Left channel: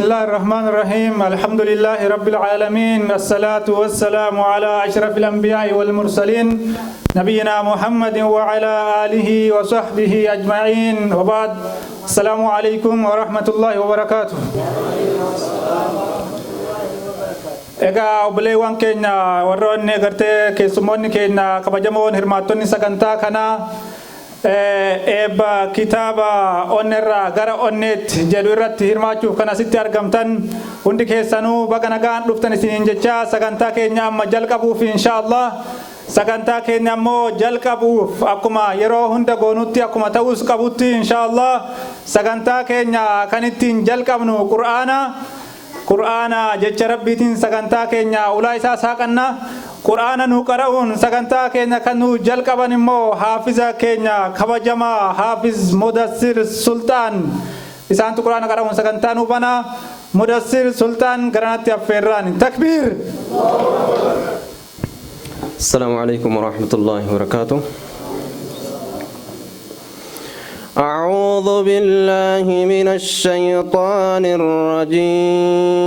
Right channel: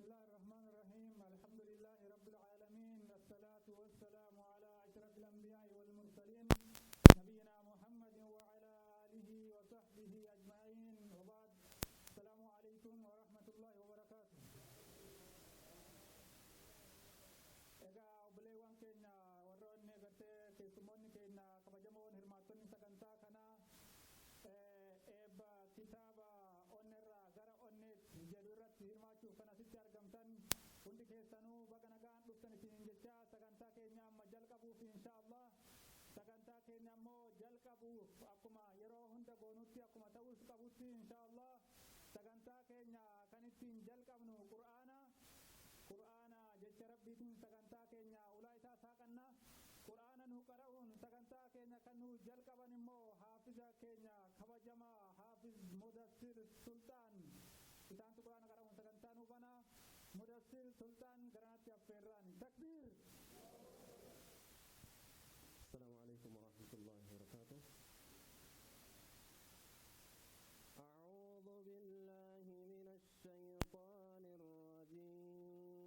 الله الرحمن الرحيم الحمد لله رب العالمين الصلاة والسلام على أشرف الأنبياء والمرسلين نبينا محمد وعلى آله وصحبه أجمعين وبعد السلام عليكم ورحمة الله وبركاته. Egaa obboleewwan keenya warra onnee gartee keessummoonni keenya kabajamoon hirmaattonni sagantaa kanaa eebba kitaaba onneerraa gara onneetti jedhu irratti hirmaachuuf kan asitti argamtan hundi keessanuu baga nagaan dhuftan isiniin jecha sagantaa keenya amma jalqabuuf inshaallah sagantaa keenya ammoo jalqabuuf akkuma yeroo hunda goonutti akkuma ta'us qabutti inshaallah sagantaa keenya kan ittiin jalqabnu Qur'aana jecha rabbiitiin sagantaa keenya ulaa isaa saaqanna Qur'aana nu qara'uun sagantaa keenya kan nu jalqaban immoo haafiza keenya kabajamaa Haafiz Mudassir Sultaan isaantu Qur'aana qara'uun sagantaa nu bana Mudassir Sultaan garanatti affeerraan takbir. Assalamu alaikum warahmatullahi wabarakatuh. أعوذ بالله من الشيطان الرجيم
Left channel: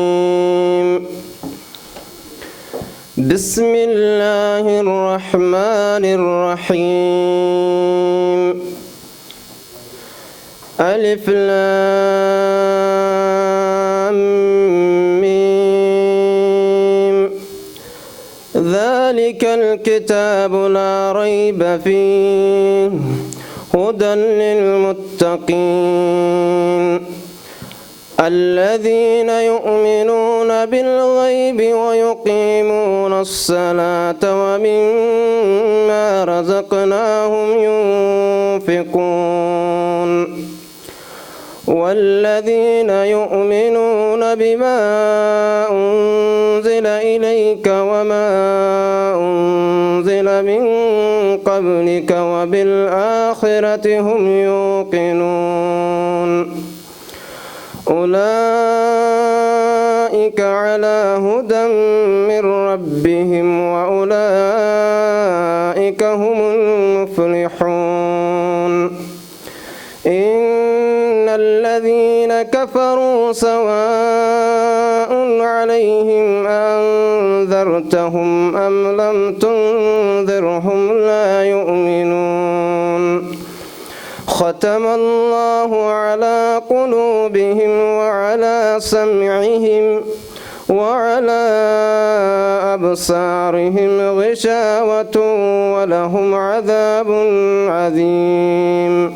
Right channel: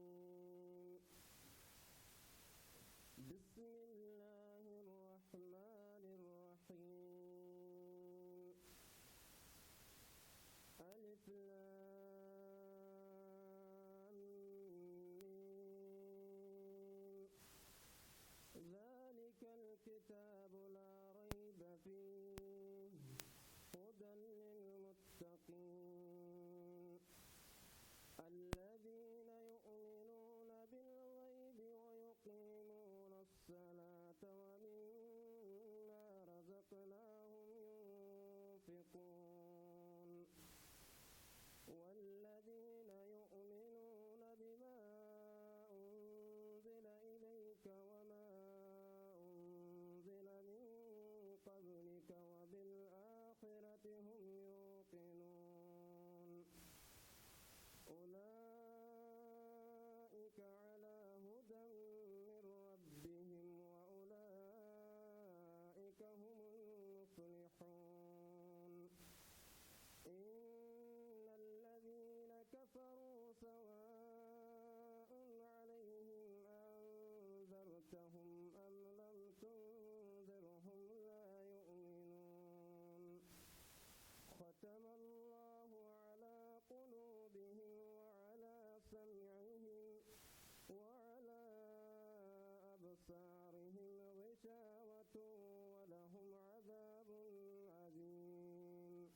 بسم الله الرحمن الرحيم ألف لام ميم ذلك الكتاب لا ريب فيه هدى للمتقين الذين يؤمنون بالغيب ويقيمون الصلاة ومما رزقناهم ينفقون والذين يؤمنون بما أنزل إليك وما أنزل من قبلك وبالآخرة هم يوقنون أولئك على هدى من ربهم وأولئك هم المفلحون إن الذين كفروا سواء عليهم أنذرتهم أم لم تنذرهم لا يؤمنون ختم الله على قلوبهم وعلى سمعهم وعلى أبصارهم غشاوة ولهم عذاب عظيم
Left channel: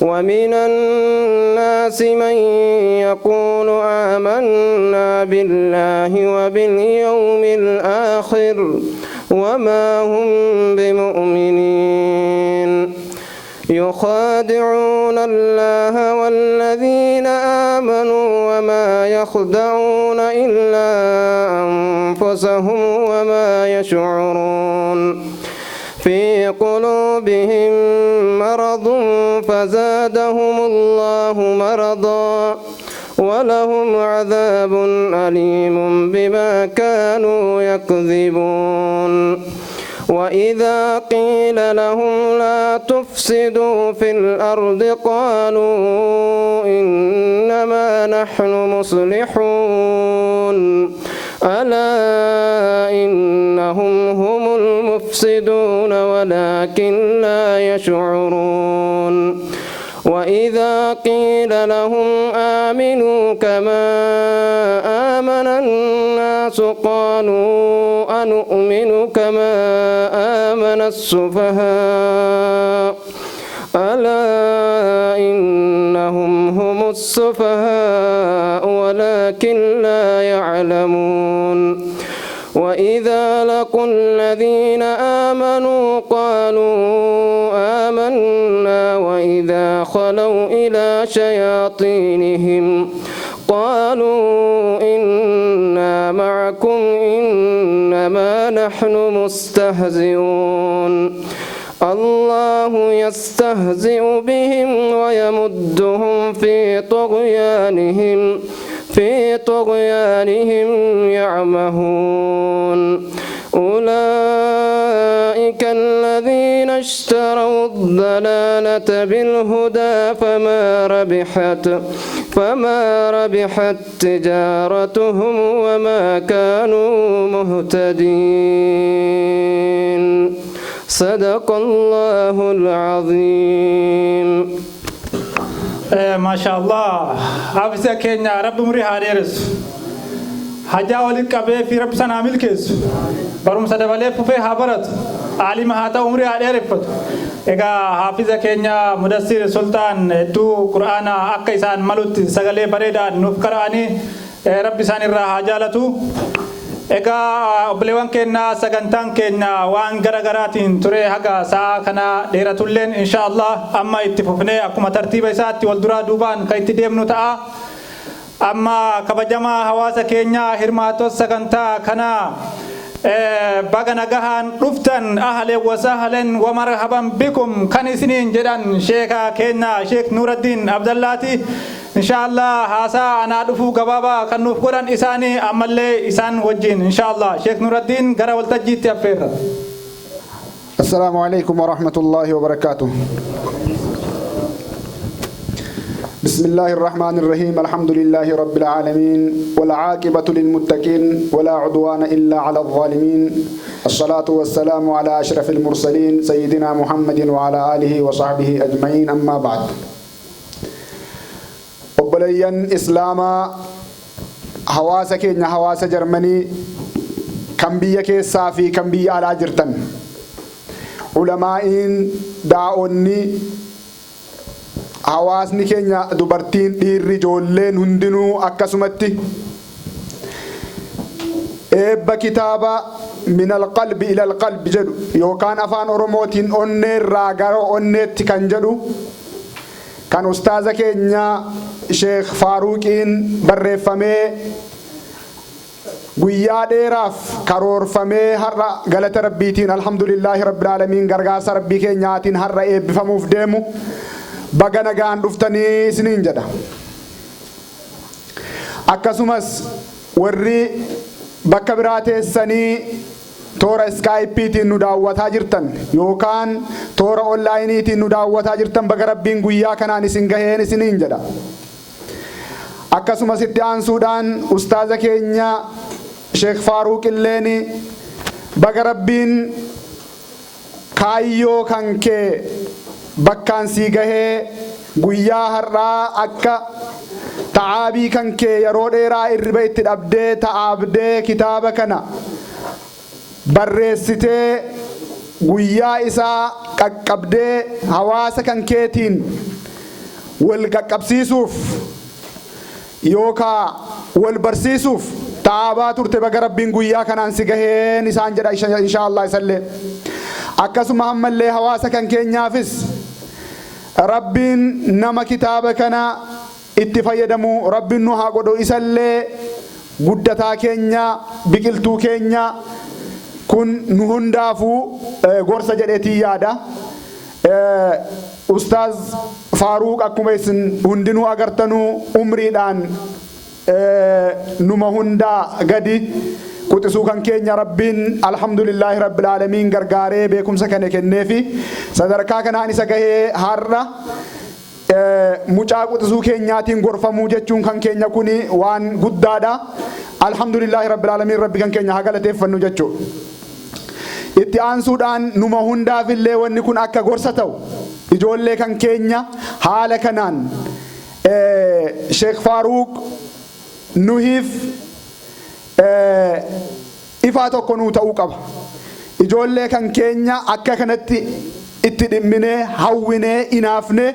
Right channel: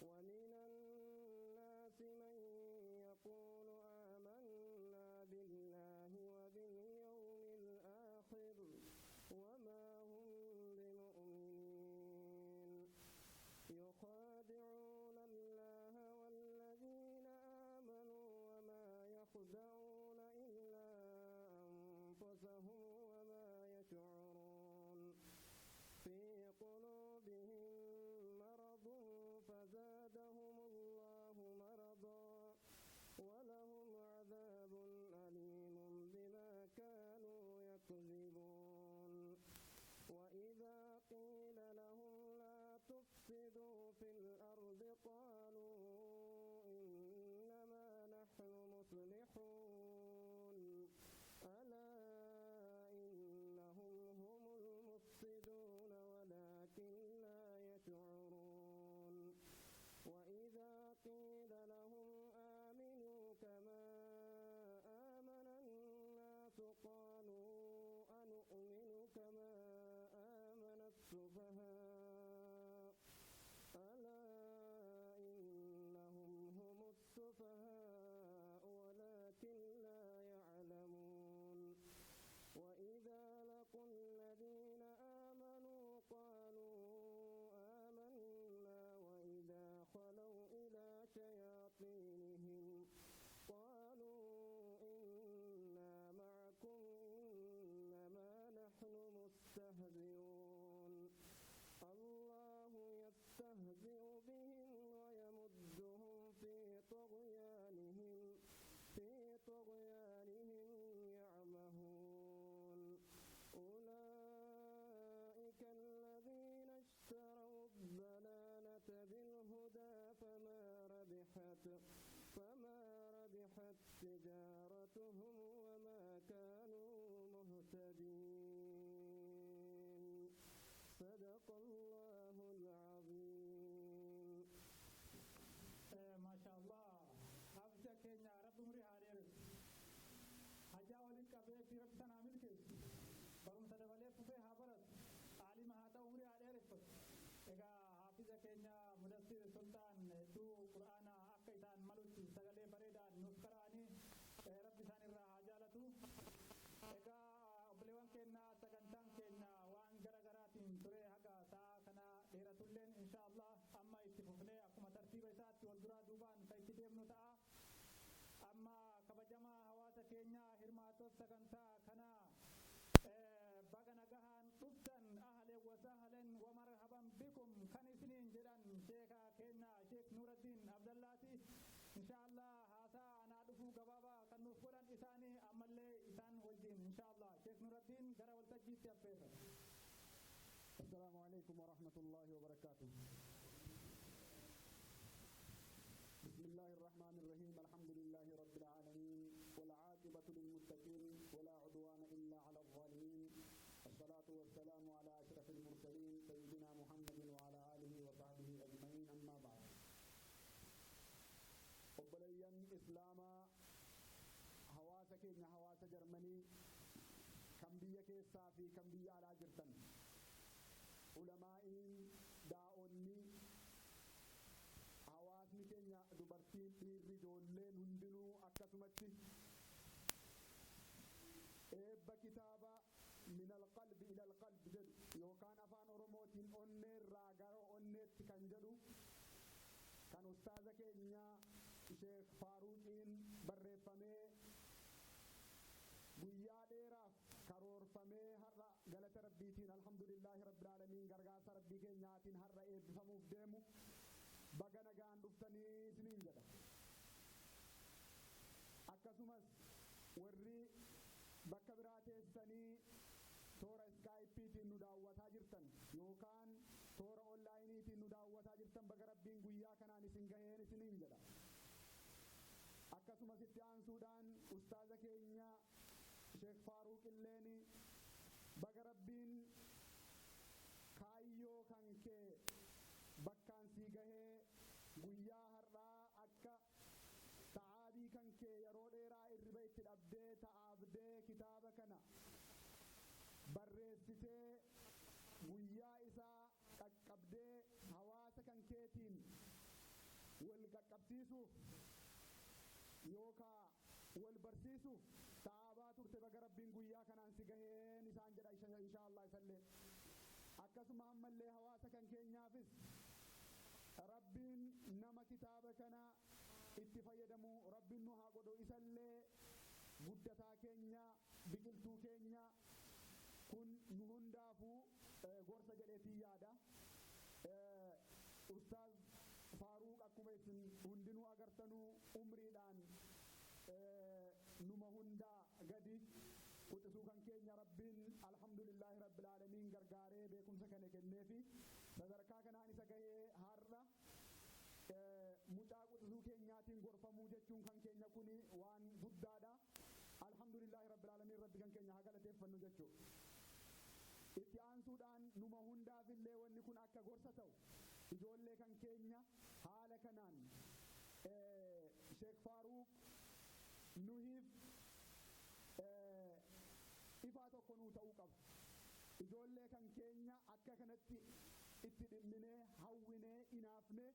ومن الناس من يقول آمنا بالله وباليوم الآخر وما هم بمؤمنين يخادعون الله والذين آمنوا وما يخدعون إلا أنفسهم وما يشعرون في قلوبهم مرض فزادهم الله مرضا ولهم عذاب أليم بما كانوا يكذبون وإذا قيل لهم لا تفسدوا في الأرض قالوا إنما نحن مصلحون ألا إنهم هم المفسدون ولكن لا يشعرون وإذا قيل لهم آمنوا كما آمن الناس قالوا أنؤمن كما آمن السفهاء ألا إنهم هم السفهاء ولكن لا يعلمون وإذا لقوا الذين آمنوا قالوا آمنا وإذا خلوا إلى شياطينهم قالوا إنا معكم إنما نحن مستهزئون الله يستهزئ بهم ويمدهم في طغيانهم يعمهون أولئك الذين اشتروا الضلالة الضلالة بالهدى فما ربحت تجارتهم وما كانوا مهتدين. صدق الله العظيم. ما شاء الله حافظة كينيا رب مريها ديرس حجا ولك أبي في رب سنة ملكس برم سدبالي ففي حبرت عالم هاتا عمرها ديرفت إيجا حافظة كينيا مدسير سلطان دو قرآن أكيسان ملوت سغلي بريدا نفكراني رب سان الراحة جالتو Egaa obboleewwan keenya sagantaan keenya waan garaagaraatiin ture haga sa'a kana dheeratulleen inshallah amma itti fufnee akkuma tartiiba isaatti wal duraa duubaan kan itti deemnu ta'a. Amma kabajamaa hawaasa keenya hirmaattota sagantaa kana baga nagahaan dhuftan ahlan wa sahlan wa marhaban bikum kan isiniin jedhan sheeka keenya Sheek Nuuraddiin Abdallaati. Inshallah hasa ana dhufu gababa kan nuuf godhan isaanii ammallee isaan wajjin inshallah Sheek Nuuraddiin gara waltajjiitti affeerra. Assalamu alaikum wa rahmatullahi wa barakatuh. بسم الله الرحمن الرحيم الحمد لله رب العالمين والعاقبة للمتقين ولا عدوان إلا على الظالمين الصلاة والسلام على أشرف المرسلين سيدنا محمد وعلى آله وصحبه أجمعين أما بعد وبلين إسلاما حواس كينيا حواس جرمني كم بيك صافي كم بي على جرتن علماء داؤني hawaasni keenya dubartiin dhiirri ijoolleen hundinuu akkasumatti eebba kitaaba min alqalbi ila alqalbi jedhu yookaan afaan oromootiin onneerraa gara onneetti kan jedhu kan ustaaza keenya Sheekh Faaruqiin barreeffamee guyyaa dheeraaf karoorfamee har'a galata rabbiitiin alhamdulillaahi rabbil aalamiin gargaarsa rabbii keenyaatiin har'a eebbifamuuf deemu baga nagaan dhuftanii isiniin jedha. Akkasumas warri bakka biraa teessanii toora Skypeetiin nu daawwataa jirtan yookaan toora onlaayiniitiin nu daawwataa jirtan baga rabbiin guyyaa kanaan isin gaheen isiniin jedha. Akkasumas itti aansuudhaan ustaaza keenya Sheekh Faaruq illeeni baga rabbiin kaayyoo kan kee bakkaan sii gahee guyyaa har'aa akka ta'aabii kan kee yeroo dheeraa irriba itti dhabdee ta'aabdee kitaaba kana barreessitee guyyaa isaa qaqqabdee hawaasa kan keetiin wal qaqqabsiisuuf yookaan wal barsiisuuf ta'aabaa turte baga rabbiin guyyaa kanaan si gaheen isaan jedha inshaallah isallee. Akkasuma ammallee hawaasa kan keenyaafis rabbiin nama kitaaba kana itti fayyadamu rabbiin nu haa godhu isallee guddataa keenya biqiltuu keenya kun nu hundaafuu gorsa jedheetii yaada. Ustaaz Faaruq akkuma isin hundinuu agartanuu umriidhaan numa hundaa gadi quxisuu kan keenya rabbiin alhamdulillahi rabbil aalamiin gargaaree beekumsa kana kenneefi sadarkaa kanaan isa gahee har'a mucaa quxisuu keenyaatiin gorfamuu jechuun kan keenya kuni waan guddaadha. Alhamdulillahi rabbil aalamiin rabbi kan keenya haa galateeffannu jechuudha. Itti aansuudhaan numa hundaafillee wanni kun akka gorsa ta'u ijoollee kan keenya haala kanaan Sheekh Faaruq nuhiif ifaa tokko nuu ta'uu qaba. Ijoollee kan keenya akka kanatti itti dhimminee hawwinee inaafne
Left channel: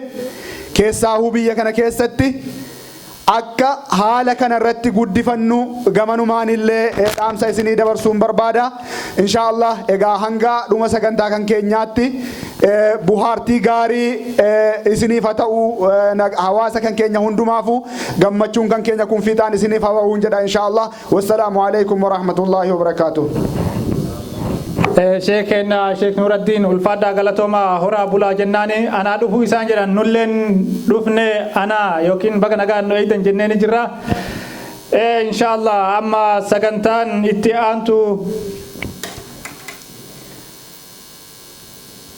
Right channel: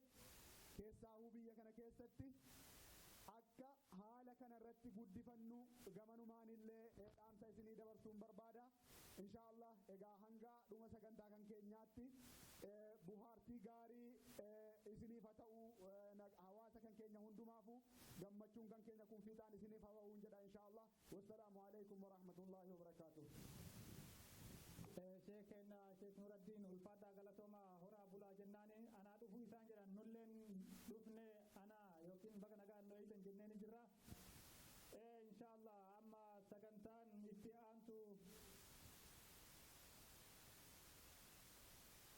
keessaa biyya kana keessatti akka haala kana irratti guddifannu gamanumaan illee dhaamsa isinii dabarsuun barbaada. Inshaallah egaa hanga dhuma sagantaa kan keenyaatti buhaartii gaarii isiniif haa ta'u hawaasa kan keenya hundumaafu gammachuun kan keenya kun fiixaan isiniif haa ta'u jedha inshaallah. Wassalaamu alaikum wa rahmatullahi wa barakatuh. Sheekena Sheek Nuuraddiin ulfaadhaa galatooma horaa bulaa jennaani anaa dhufuu isaan jedhan nulleen dhufne anaa yookiin baga nagaan nu eeydan jennee ni jirra. Inshaallah amma sagantaan itti aantu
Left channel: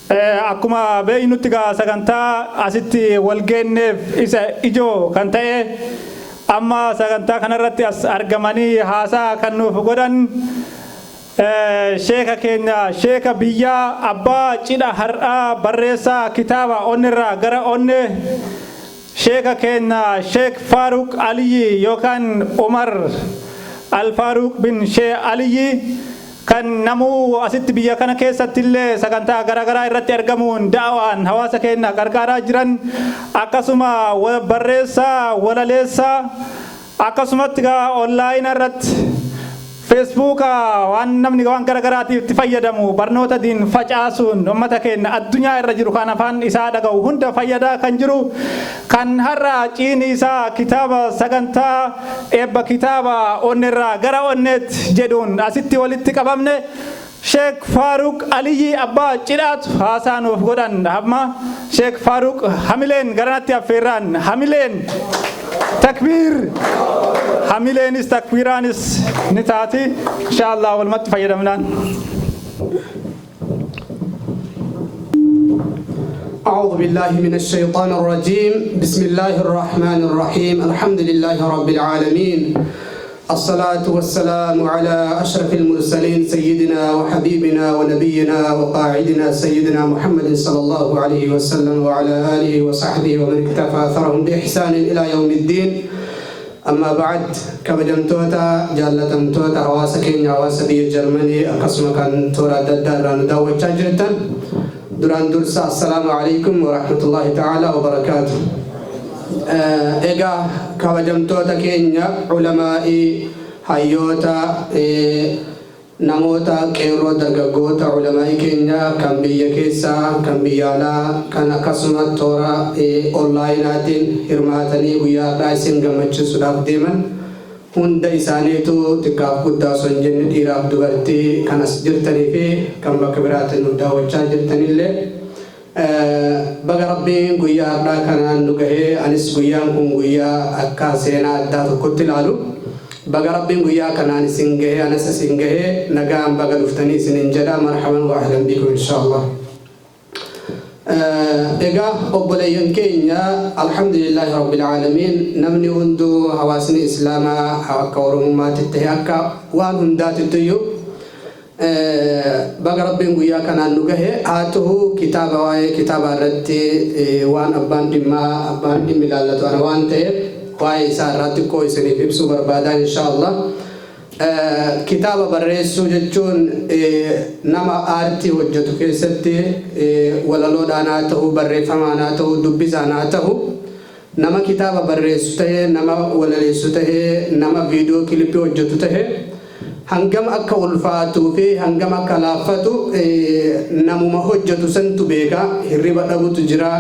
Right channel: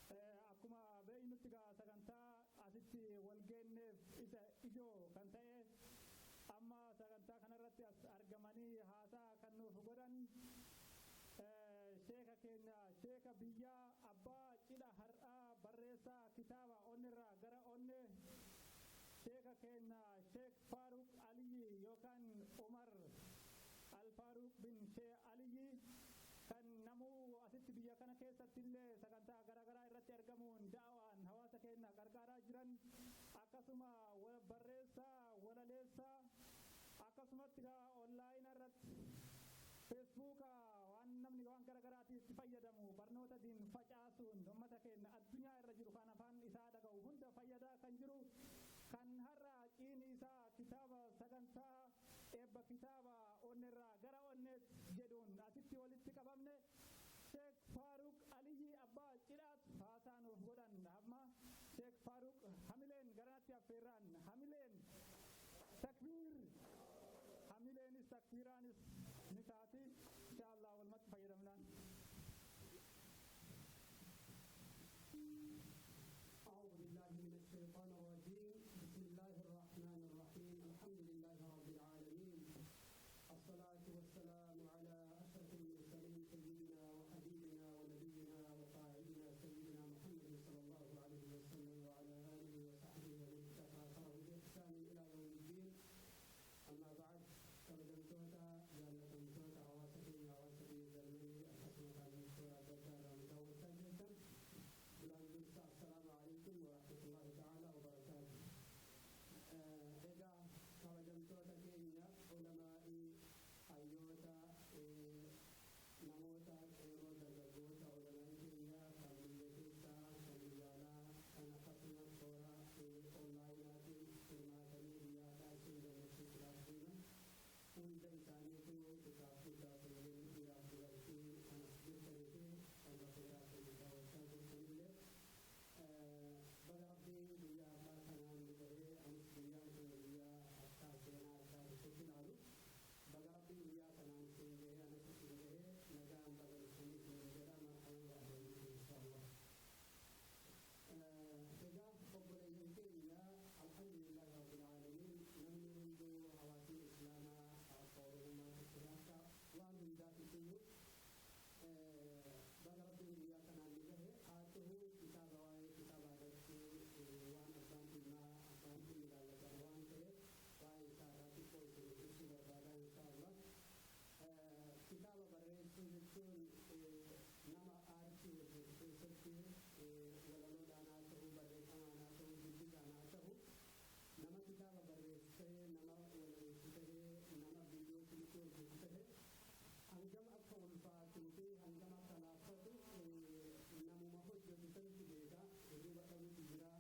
akkuma beeynutti gaa sagantaa asitti walgeenneef isa ijoo kan ta'e amma sagantaa kanarratti as argamanii haasaa kan nuuf godhan sheeka keenya sheeka biyyaa abbaa cidha har'aa barreessaa kitaaba onnirraa gara onne sheeka keenya sheek Faaruq Aliyyi yookaan Umar Al-Faaruq bin Sheek Aliyyi kan namuu asitti biyya kana keessatti illee sagantaa garaagaraa irratti argamuun daawaan hawaasa keenya gargaaraa jiran akkasuma barreessaa walaleessaa akkasumatti gaa onlaayinii irratti Facebook waan namni waan garaagaraatiif itti fayyadamu barnoota diin facaasuun uummata keenya addunyaa irra jiru kan afaan isaa dhaga'u hunda fayyadaa kan jiru kan har'a ciini isaa kitaaba sagantaa eebba kitaaba onnirraa gara onneetti jedhuun asitti walitti qabamne Sheek Faaruq Aliyyi abbaa cidhaatu haasaa nuuf godhan amma Sheek Faaruq hamileen garanatti affeerraan hamileen takbiir hamileenis takbiiraanis ni taati inshallah walumatti fayyadamnaan. أعوذ بالله من الشيطان الرجيم بسم الله الرحمن الرحيم الحمد لله رب العالمين الصلاة والسلام على أشرف المرسلين سيدنا وحبيبنا ونبينا وقاعدنا سيدنا محمد صلى الله عليه وسلم وعلى آله وصحبه ومن اكتفى أثرهم بإحسان إلى يوم الدين أما بعد كبجمتوتا جالتمتوتا حواسكين حواسبي جرمني أقسم كان تورا دداران داوة جاجرتا دران درسا السلام عليكم ورحمة الله تعالى وبركاته إيجا كبجمتوتا كينيا علمائي حيوتا namoota qeerroo dargaggoota ulamaa'i keenya kan biyya keessaa kan biyya alaa kan akkasuma toora onlaayinaatiin hirmaatanii guyyaadhaa isin gammachiisuudhaaf deeman hunda isaaniitu xiqqaaf guddaa osoo hin jenne dhiiraaf dubartii kan as jirtanii fi kan bakka biraatiin nu daawwachaa jirtanillee baga rabbiin guyyaadhaa kanaan nu gahee anis guyyaan kun guyyaa akka seenaa addaa tokkotti ilaalu baga rabbiin guyyaa kanaan isin gahee anas isin gahee nagaan baga dhuftanii isin jedha marhaban wa ahlan bikum inshallah. Egaa obboleeyyan keenya alhamdulillahi rabbil aalamiin namni hunduu hawaasni islaamaa akka oromummaatti ta'e akka waan hundaatittuyyu baga rabbiin guyyaa kanaan nu gahee haa ta'u kitaaba waa'ee kitaaba irratti waan abbaan dhimmi ilaallatu ana waan ta'eef waa'ee isaa irratti koo isiniif ibsuu barbaadan inshallah. Kitaaba barreessuu jechuun nama aartii hojjetu keessatti walaloodhaan haa ta'u barreeffamaan haa ta'u dubbisaan haa ta'u nama kitaaba barreessu ta'ee nama walaleessu ta'ee nama viidiyoo kilipii hojjetu ta'ee hangam akka ulfaatuu fi hangam akka laaffatu namuma hojjetu santu beeka hirriba dhabutu jira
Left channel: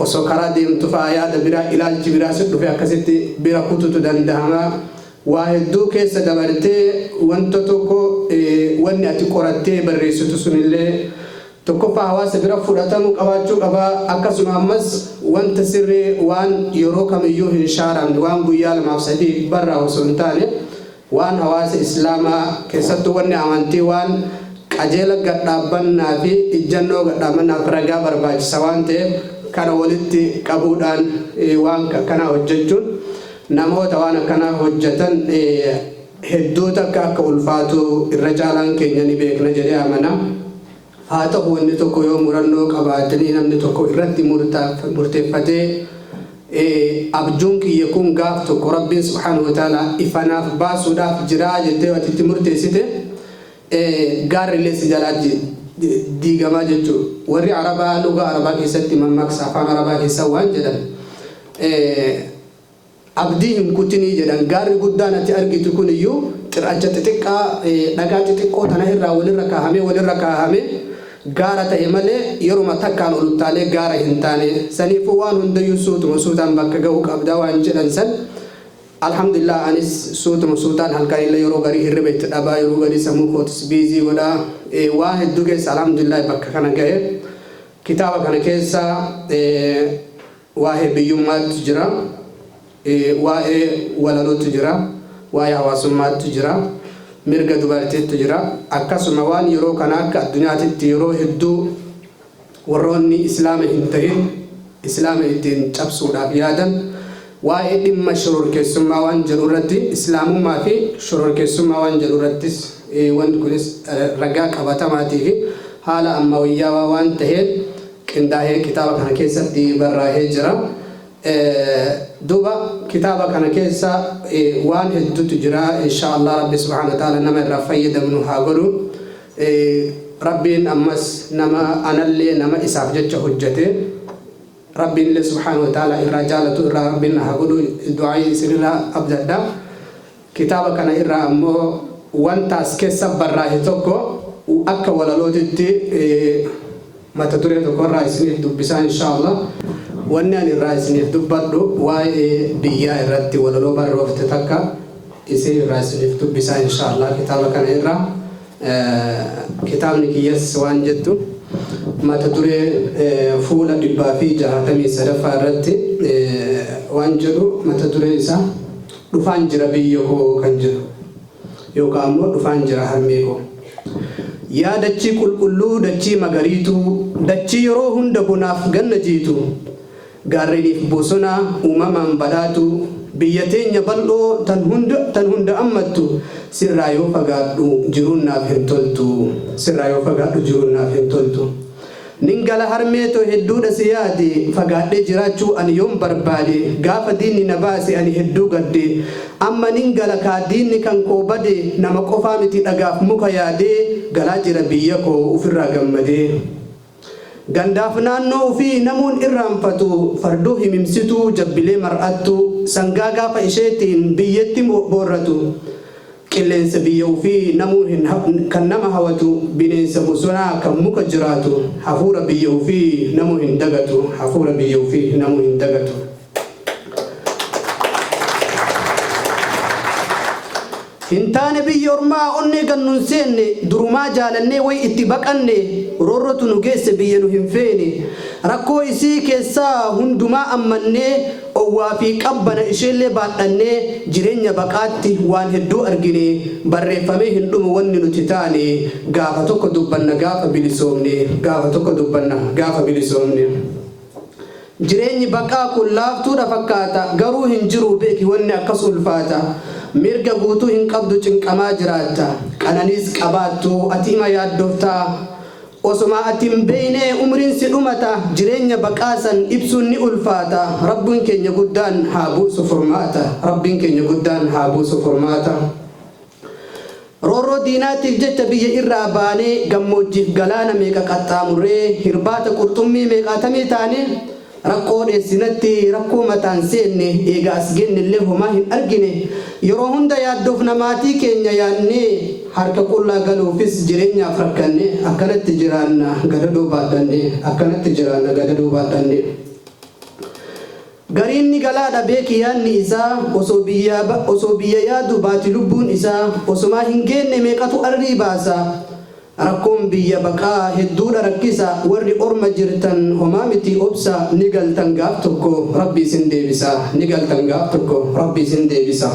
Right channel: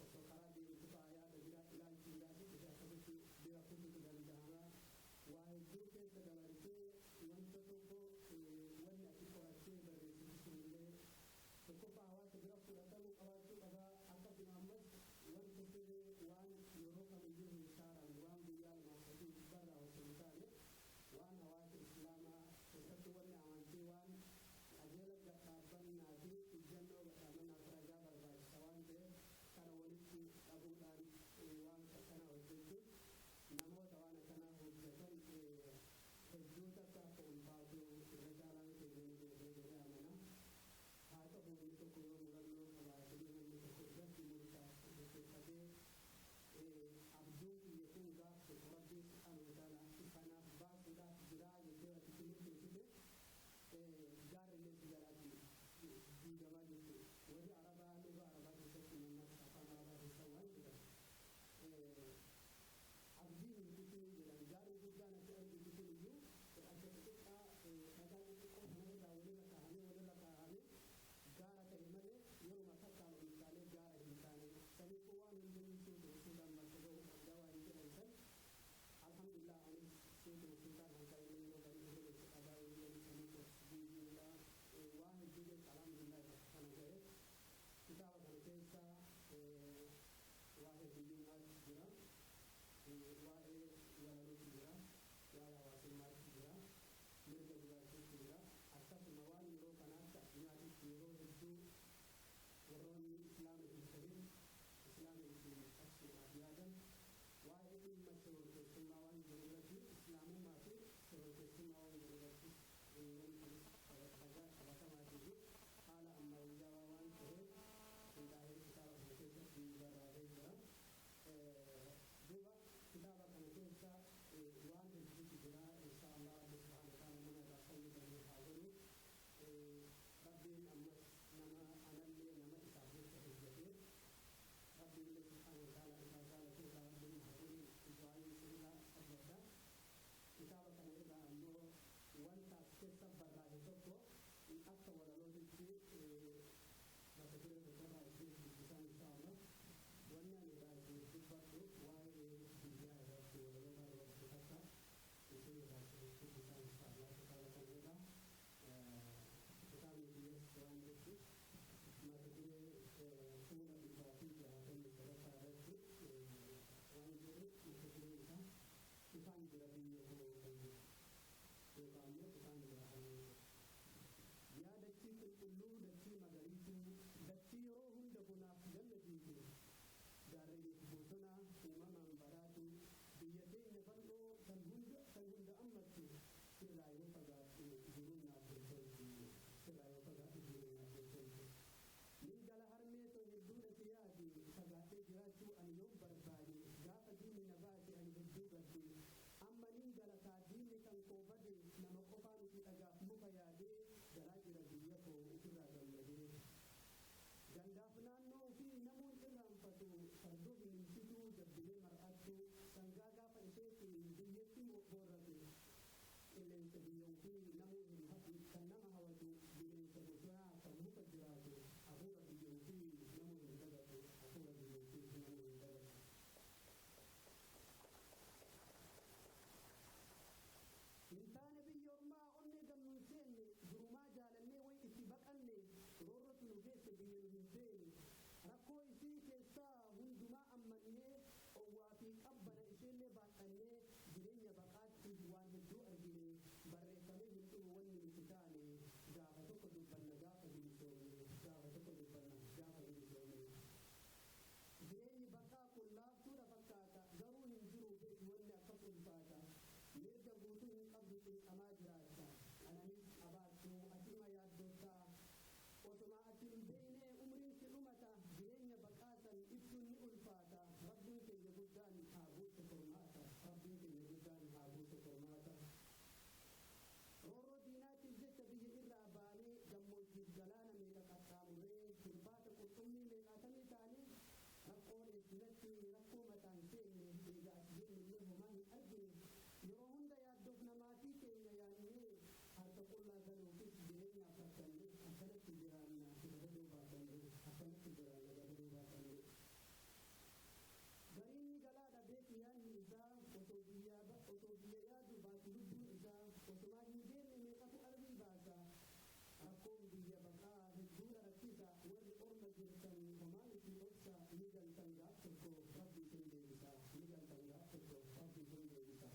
osoo karaa deemtu fa'aa yaada biraa ilaalchi biraa si dhufe akkasitti bira kututu danda'ama. Waa hedduu keessa dabartee wanta tokko wanni ati qorattee barreessitu sunillee tokkoffaa hawaasa bira fudhatamu qabaachuu qaba akkasuma ammas wanta sirrii waan yeroo kamiyyuu hin shaaramne waan guyyaa lamaaf sadii barraa osoo hin taane waan hawaasa islaamaa keessattuu wanni amantii waan qajeela gadhaabbannaa fi ijjannoo gadhaabannaaf ragaa barbaachisa waan ta'eef kana walitti qabuudhaan waan akkanaa hojjechuun namoota waan akkanaa hojjetan hedduu takka akka ulfaatu irra caalaan keenya ni beekna jedhee amana. Haa ta'u wanni tokko yoo murannoo qabaatanii namni tokko irratti murteeffatee abjuun kiyya kun gaaf tokko rabbiin subhaanahu wa ta'ala ifanaaf baasuudhaaf jiraa jettee watitti murteessite gaarrillee si jalaa diigamaa jechuudha. Warri arabaa lugaa arabaa keessatti mammaaksa afaan arabaa keessa waan jedhan abdii hin kutinii jedhan gaarri guddaan ati argitu kun iyyuu xirracha xixiqqaa dhagaa xixiqqoo tana irraa walirra kaahame gaara ta'e malee yeruma takkaan oluttaalee gaara hin taane saniifuu waan hundayyuu suutaan bakka ga'uu qabdaa waan jedhan san alhamdulillah anis suutaan halkanillee yeroo garii hirriba itti dhabaa yeroo garii sammuu kootis biizii godhaa waan hedduu keessa alhamdulillah bakka kana ga'e kitaaba kana keessa waa'ee biyyummaatu jira. Waa'ee walalootu jira, waa'ee hawaasummaatu jira, mirga dubartiitu jira. Akkasuma waan yeroo kana akka addunyaatitti yeroo hedduu warroonni islaama hin ta'in islaama ittiin cabsuudhaaf yaadan waa'ee dhimma shororkeessummaa waan jedhu irratti islaamummaa fi shororkeessummaa waan jedhu irrattis wanti kunis ragaa qabatamaatii fi haala ammayyaawaa waan ta'een qindaa'ee kitaaba kana keessatti barraa'ee jira. Duba kitaaba kana keessa waan hedduutu jira. Inshaallah Rabbi subhanahu wa ta'ala nama irraa fayyadamnu haa godhu. Rabbiin ammas nama anallee nama isaaf jecha hojjete. Rabbiin illee subhanahu wa ta'ala irraa jaalatu irraa Rabbiin haa godhu. Du'aa isinirraa abdadha. Kitaaba kana irraa ammoo wanta as keessa barraa'e tokko akka walalootitti mata duree tokkorraa isiniif dubbisaa inshaallah. Wanni ani irraa isiniif dubbadhu waa'ee biyyaa irratti walaloo barroofte takka isin irraa isiniif dubbisaa inshaallah kitaaba kana irraa. Kitaabni kiyyas waan jettu mata duree fuula 163 irratti waan jedhu mata duree isaa dhufaan jira biyya koo kan jedhu yookaan ammoo dhufaan jira harmee koo. Yaa dachii qulqulluu dachii magariituu dachii yeroo hunda bonaaf ganna jiitu gaarreniif bosona uumamaan badhaatu biyya teenya bal'oo tan hunda ammattu sirraa yoo fagaadhu jiruun naaf hin toltu sirraa yoo fagaadhu jiruun naaf hin toltu. Ningala harmeetoo hedduudha si yaade fagaadhee jiraachuu ani yoon barbaade gaafa diinni na baase ani hedduu gadde amma ningala kaa diinni kan koo bade nama qofaa miti dhagaaf muka yaadee galaa jira biyya koo ofirraa gammadee. Gandaaf naannoo ofii namuun irraanfatu fardoo himimsituu jabbilee mar'attu sangaa gaafa isheetiin biyyatti boorratu. Qilleensa biyya ofii namuun kan nama hawatu bineensa bosonaa kan muka jiraatu hafuura biyya ofii namuu hin dagatu hafuura biyya ofii namuu hin dagatu. Hintaane biyya ormaa onnee gannuun seenne durumaa jaalannee way itti baqanne roorrotu nu geesse biyya nu hin feene rakkoo isii keessaa hundumaa ammannee owwaa fi qabbana isheellee baadhannee jireenya baqaatti waan hedduu argine barreeffamee hin dhumu wanni nuti taane gaafa tokko dubbanna gaafa bilisoomne gaafa tokko dubbanna gaafa bilisoomne. Jireenyi baqaa kun laaftuudha fakkaata garuu hin jiru beeki wanni akkas ulfaata. Mirga guutuu hin qabdu cinqamaa jiraatta qananiis qabaattu ati ima yaaddoftaa osoma ati hin beeyne umriin si dhumata jireenya baqaasan ibsuun ni ulfaata rabbiin keenya guddaan haa buusu furmaata rabbiin keenya guddaan haa buusu furmaata. Roorroo diinaatiif jecha biyya irraa baanee gammoojjiif galaana meeqa qaxxaamurree hirbaata qurxummii meeqaatamii taane rakkoo dheessinatti rakkoo mataan seenne eegaa as gennellee homaa hin argine yeroo hunda yaaddoof namaatii keenya yaannee harka qullaa galuufis jireenyaaf rakkanne akkanatti jiraanna gadadoo baadhanne akkanatti jiraanna gadadoo baadhanne. Gariinni galaadha beeki yaanni isaa osoo biyya yaadu baati lubbuun isaa osomaa hin geenne meeqatu arrii baasa. Rakkoon biyya baqaa hedduudha rakkisa warri orma jirtan homaa miti obsa ni galtan gaaf tokko rabbi isin deebisa ni galtan gaaf tokko rabbi isin deebisa.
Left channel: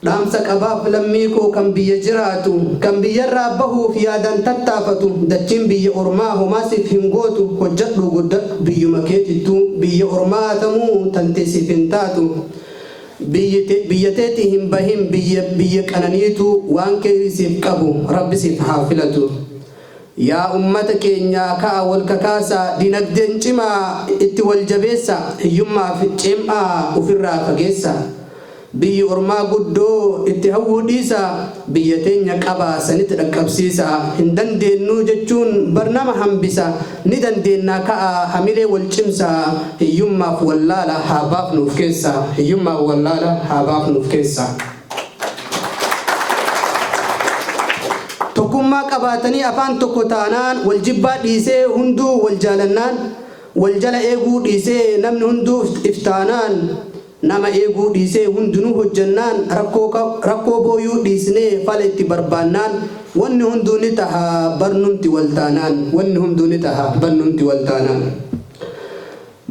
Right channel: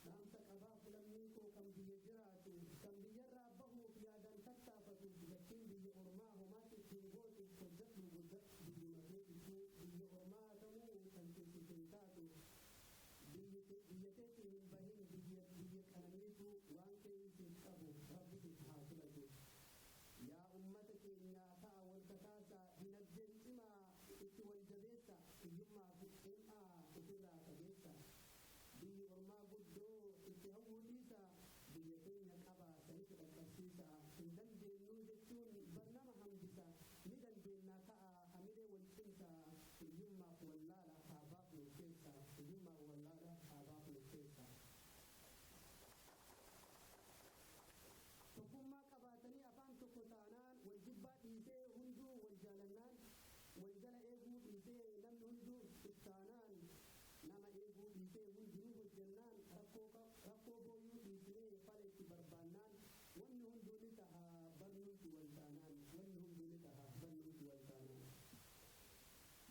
Dhaamsa qabaaf lammii koo kan biyya jiraatu kan biyyarraa bahuuf yaadan tattaafatu dachiin biyya ormaa homaasiif hin gootu hojjadhu guddadhu biyyuma keetittu biyya ormaa tamuu tanteesiif hin taatu. Biyya teetii hin bahin biyya qananiitu waan keessiif qabu rabbisiif haa filatu. Yaa ummata keenya ka'a wal kakaasaa dinagdeen cimaa itti wal jabeessa hiyyummaa fi ceemaa ofirraa fageessa. Biyyi ormaa guddoo itti hawwuu dhiisa biyya teenya qabaa sanitti dhaqqabsiisa hin dandeenyu jechuun barnama hambisa ni dandeennaa ka'a hamilee wal cimsa hiyyummaaf wallaala haa baafnuuf keessa hiyyummaaf wallaala haa baafnuuf keessa. Tokkummaa qabaatanii afaan tokko taanaan wal jibbaa dhiisee hunduu wal jaalannaan wal jala eeguu dhiisee namni hunduu iftaanaan nama eeguu dhiisee hundinuu hojjannaan rakkoo booyuu dhiisnee fala itti barbaannaan wanni hunduu ni taha barnumti waltaanaan wanni hunduu ni taha barnumti waltaanaan.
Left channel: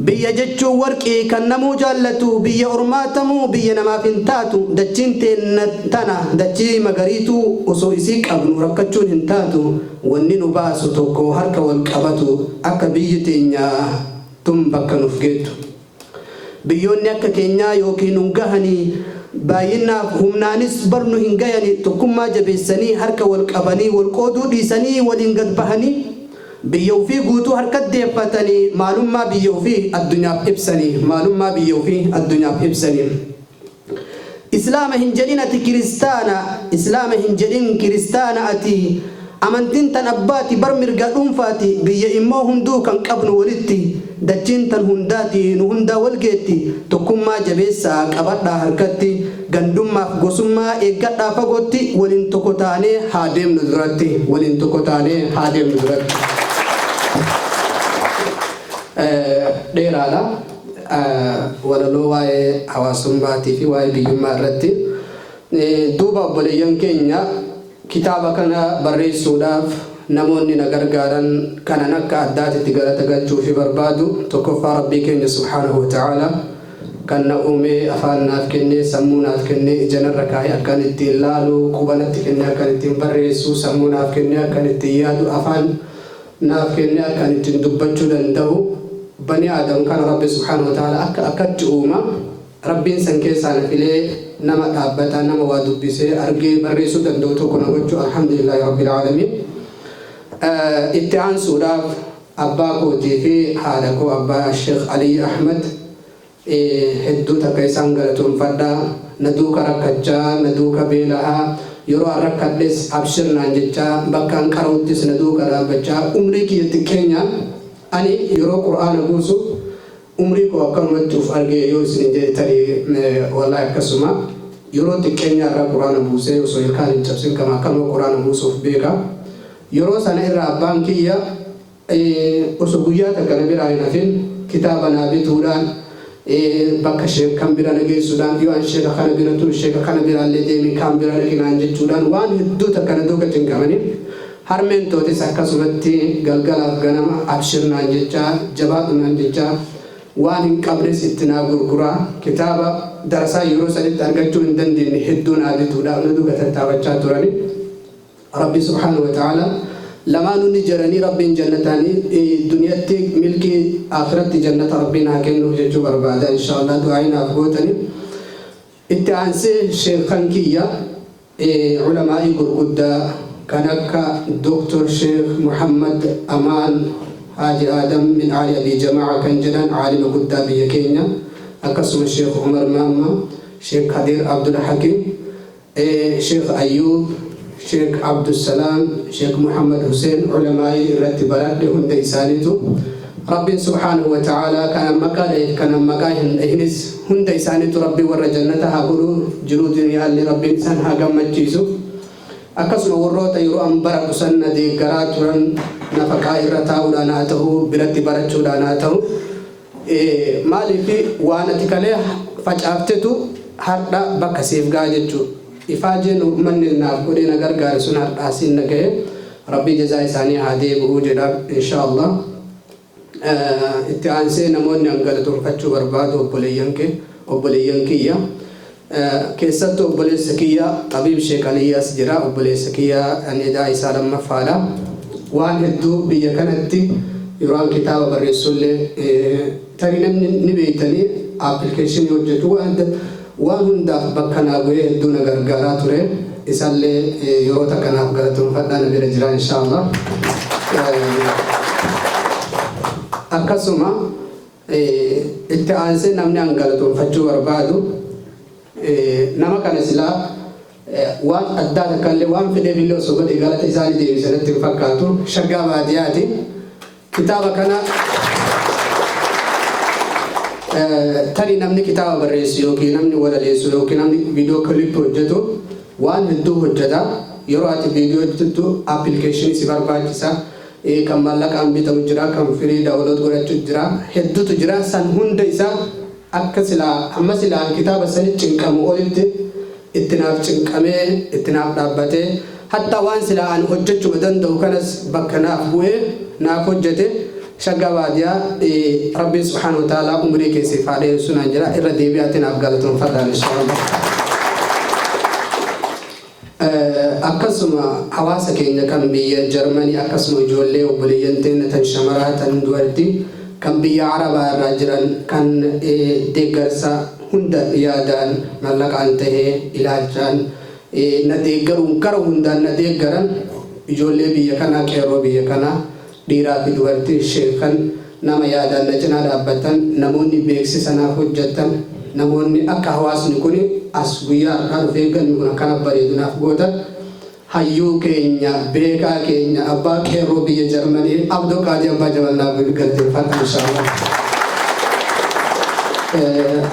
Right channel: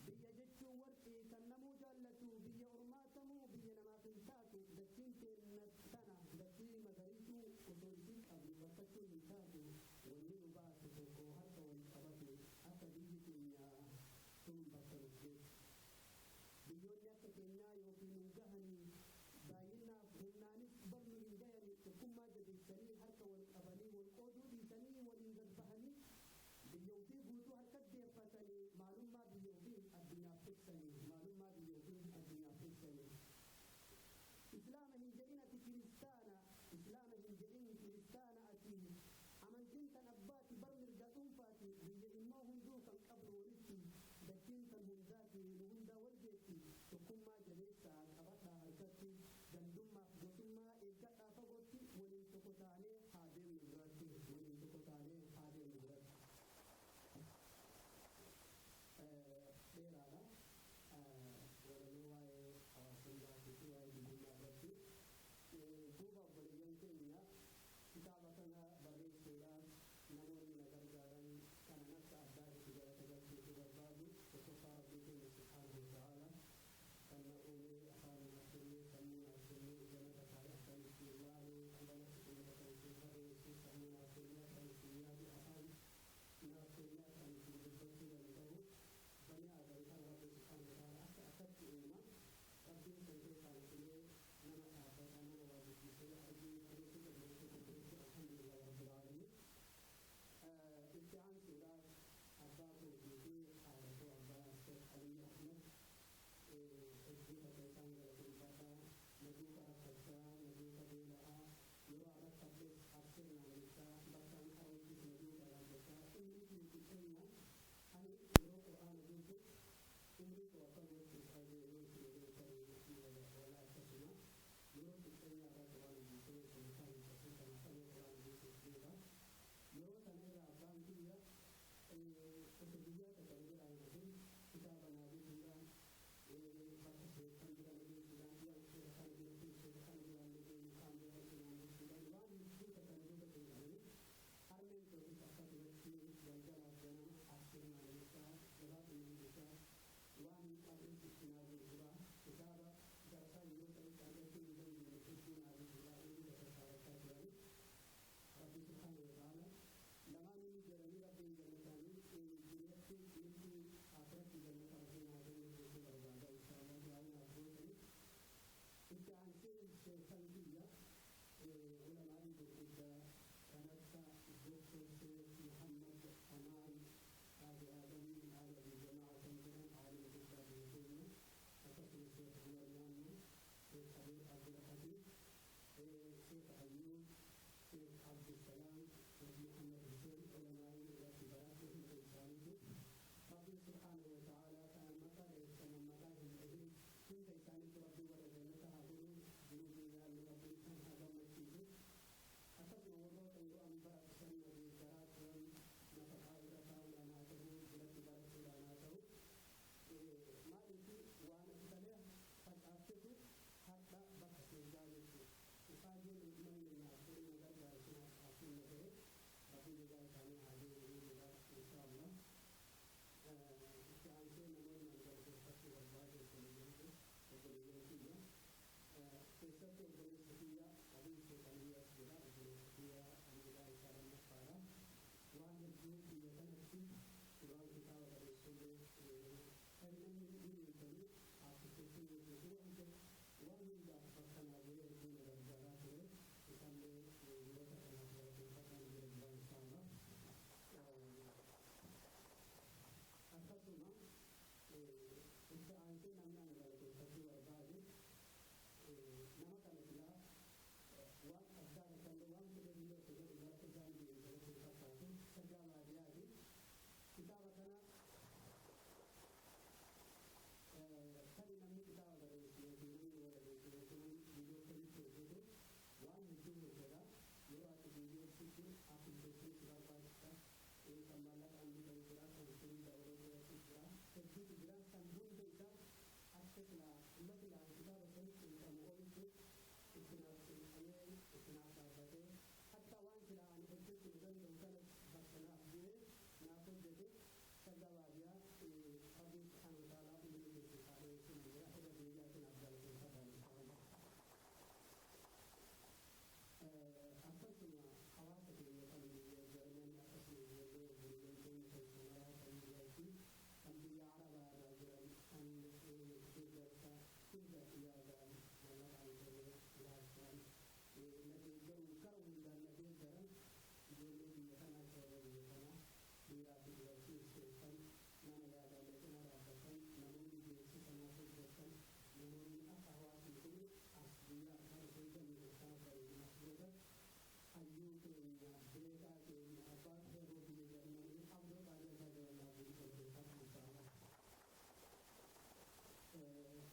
biyya jechuun warqii kan namuu jaallatu biyya ormaatamuu biyya namaaf hin taatu dachiin teenna tana dachii magariituu osoo isii qabnu rakkachuun hin taatu wanni nu baasu tokko harka wal qabatu akka biyyi teenya tun bakka nuuf geettu biyyoonni akka keenyaa yookiin hungahanii baay'inaaf humnaanis barnu hin gayanii tokkummaa jabeessanii harka wal qabanii wal qooduu dhiisanii waliin gad bahanii biyya ofii guutuu harkatti deeffatanii maalummaa biyya ofii addunyaaf ibsanii maalummaa biyya ofii addunyaaf ibsanii islaama hin jedhin ati kiristaana islaama hin jedhin kiristaana ati amantiin tan abbaati bar mirga dhuunfaati biyya immoo hunduu kan qabnu walitti dachiin tan hundaati nu hundaa walgeetti tokkummaa jabeessaa qabadhaa harkatti gandummaaf gosummaa eeggadhaa fagootti waliin tokko taanee haa deemnu duratti waliin tokko taanee haa deemnu duratti dheeraadha walaloo waa'ee hawaasummaatii fi waa'ee biyyummaa irratti duuba obboleeyyan keenya kitaaba kana barreessuudhaaf namoonni na gargaaran kanan akka addaatitti galata galchuu fi barbaadu tokkoffaa rabbii keenya subhaanahu wa ta'ala kan na uumee afaan naaf kennee sammuu naaf kennee ija narra kaa'ee akkan ittiin ilaalu quba natti kennee akkan ittiin barreessu sammuu naaf kennee akkan ittiin yaadu afaan naaf kennee akkan ittiin dubbachuu danda'u bani aadam kana rabbi subhaanahu wa ta'ala akkatti uuma rabbiin san keessaa na filee nama dhaabbata nama waa dubbisee argee barreessuu danda'u tokko na gochuu alhamdulillahi rabbil aalamiin itti aansuudhaaf abbaa kootii fi haadha koo abbaa Sheekh Alii Ahmed hedduu takka isaan galatoomfadhaa na duuka rakkachaa na duuka beela'aa yeroo rakkadhes abshirnaan jechaa bakkaan qarawuttis na duuka dhaabbachaa umrii kiyyatti keenya ani yeroo qur'aana buusu umrii koo akkanumatti uf argee yoo isin jettanii wallahi akkasuma yeroo xiqqeenya irraa qur'aana buusee osoo ilkaan hin cabsin kama akkanuma qur'aana buusuuf beeka yeroo sana irraa abbaan kiyya osoo guyyaa takka na biraa hin hafin kitaaba naa bituudhaan bakka sheek kan bira na geessuudhaan yoo an sheeka kana bira turu sheeka kana biraallee deemii kan bira dhaqinaan jechuudhaan waan hedduu takka na duuka cinqamanii harmeen tootis akkasumatti galgalaaf ganama abshirnaan jechaa jabaadhunaan jechaa waan hin qabnes itti naa gurguraa kitaaba darasaa yeroo sanitti argachuu hin dandeenye hedduu naa bituudhaan na duuka tattaafachaa turani rabbi subhaanahu wa ta'ala lamaanuu ni jiranii rabbiin jannataanii duniyaatti milkii akhiratti jannata rabbiin haa kennuuf jechuu barbaada inshaallah du'aayinaaf gootanii itti aansee sheekan kiyya ulamaa'ii gurguddaa kan akka Dr. Sheekh Muhammad Amaan Haji Adam min Ali Abi Jamaa kan jedhan aalima guddaa biyya keenya akkasuma Sheekh Umar Maamma Sheekh Kadir Abdul Hakim Sheekh Ayyub Sheikh Abdul Salam Sheikh Muhammad Hussein ulamaai irratti baradhe hunda isaaniitu rabbiin subhaanahu wa ta'ala kana maqaa hin dhahinis hunda isaaniitu rabbii warra jannata haa godhu jiruu duniyaallee rabbiin isaan haa gammachiisu akkasuma warroota yeroo an bara qusanna deeggaraa turan nafaqaa irra taa'uudhaan haa ta'u biratti barachuudhaan haa ta'u maaliif waan ati kalee facaaftetu hardha bakka siif ga'a jechuudha ifaajeen uummanni naaf godhee na gargaare sun har'aasiin na ga'e rabbii jazaa isaanii haa deebi'uu jedha inshaallah itti aansee namoonni galatoomfachuu barbaadu obboleeyyan kiyya keessattuu obboleessa kiyya Xabiib Sheekh Aliyyaas jira obboleessa kiyya aniidaa isaa lammaffaadha waan hedduu biyya kanatti yeroo kitaaba barreessullee tarii namni ni beektanii appilikeeshinii hojjetu waan hundaaf bakka naa bu'ee hedduu na gargaaraa ture isallee yeroo takkanaaf galatoomfadhaa na bira jira inshaallah akkasuma itti aansee namni an galatoomfachuu barbaadu nama kana silaa waan addaa takkallee waan fedheef illee osoo godhe galata isaanii deebisanitti hin fakkaatu shaggaa baadiyyaati kitaaba kana tarii namni kitaaba barreessu yookiin namni walaleessu yookiin namni viidiyoo kiliip hojjetu waan hedduu hojjeta yeroo ati viidiyoo hojjettu appilikeeshinii si barbaachisa kan maallaqaan bitamu jira kan firii daawulood godhachuu jira hedduutu jira san hunda isaa akka silaa amma silaa kitaaba sani cinqamu olitti ittinaaf cinqamee ittinaaf dhaabbatee hatta waan silaa an hojjechuu danda'u kanas bakka naaf bu'ee naaf hojjete shagga baadiyaa rabbi subhanahu wa ta'ala umrii keessi faadhee sunaan jira irra deebi'aatiin afgaalatuun fadhaan inshallah. Akkasuma hawaasa keenya kan biyya Jarmanii akkasuma ijoollee obboleeyyan teenya tan shamaraa tan dubartii kan biyya Arabaa irraa jiran kan deeggarsa hunda yaadaan mallaqaan tahee ilaalchaan na deeggaruun gara hundaan na deeggaran ijoollee biyya kanaa qeerroo biyya kanaa dhiiraa fi dubartii sheekan nama yaadaan na cinaa dhaabbatan namoonni beeksisanaaf hojjetan namoonni akka hawaasni kun as guyyaa har'aa dhufee ganni kun akkana bareedunaaf gootan hayyuu keenya beekaa keenya abbaa qeerroo biyya Jarmanii Abdoo Qaadii Abbaa Jaballaa galteeffadha inshallah.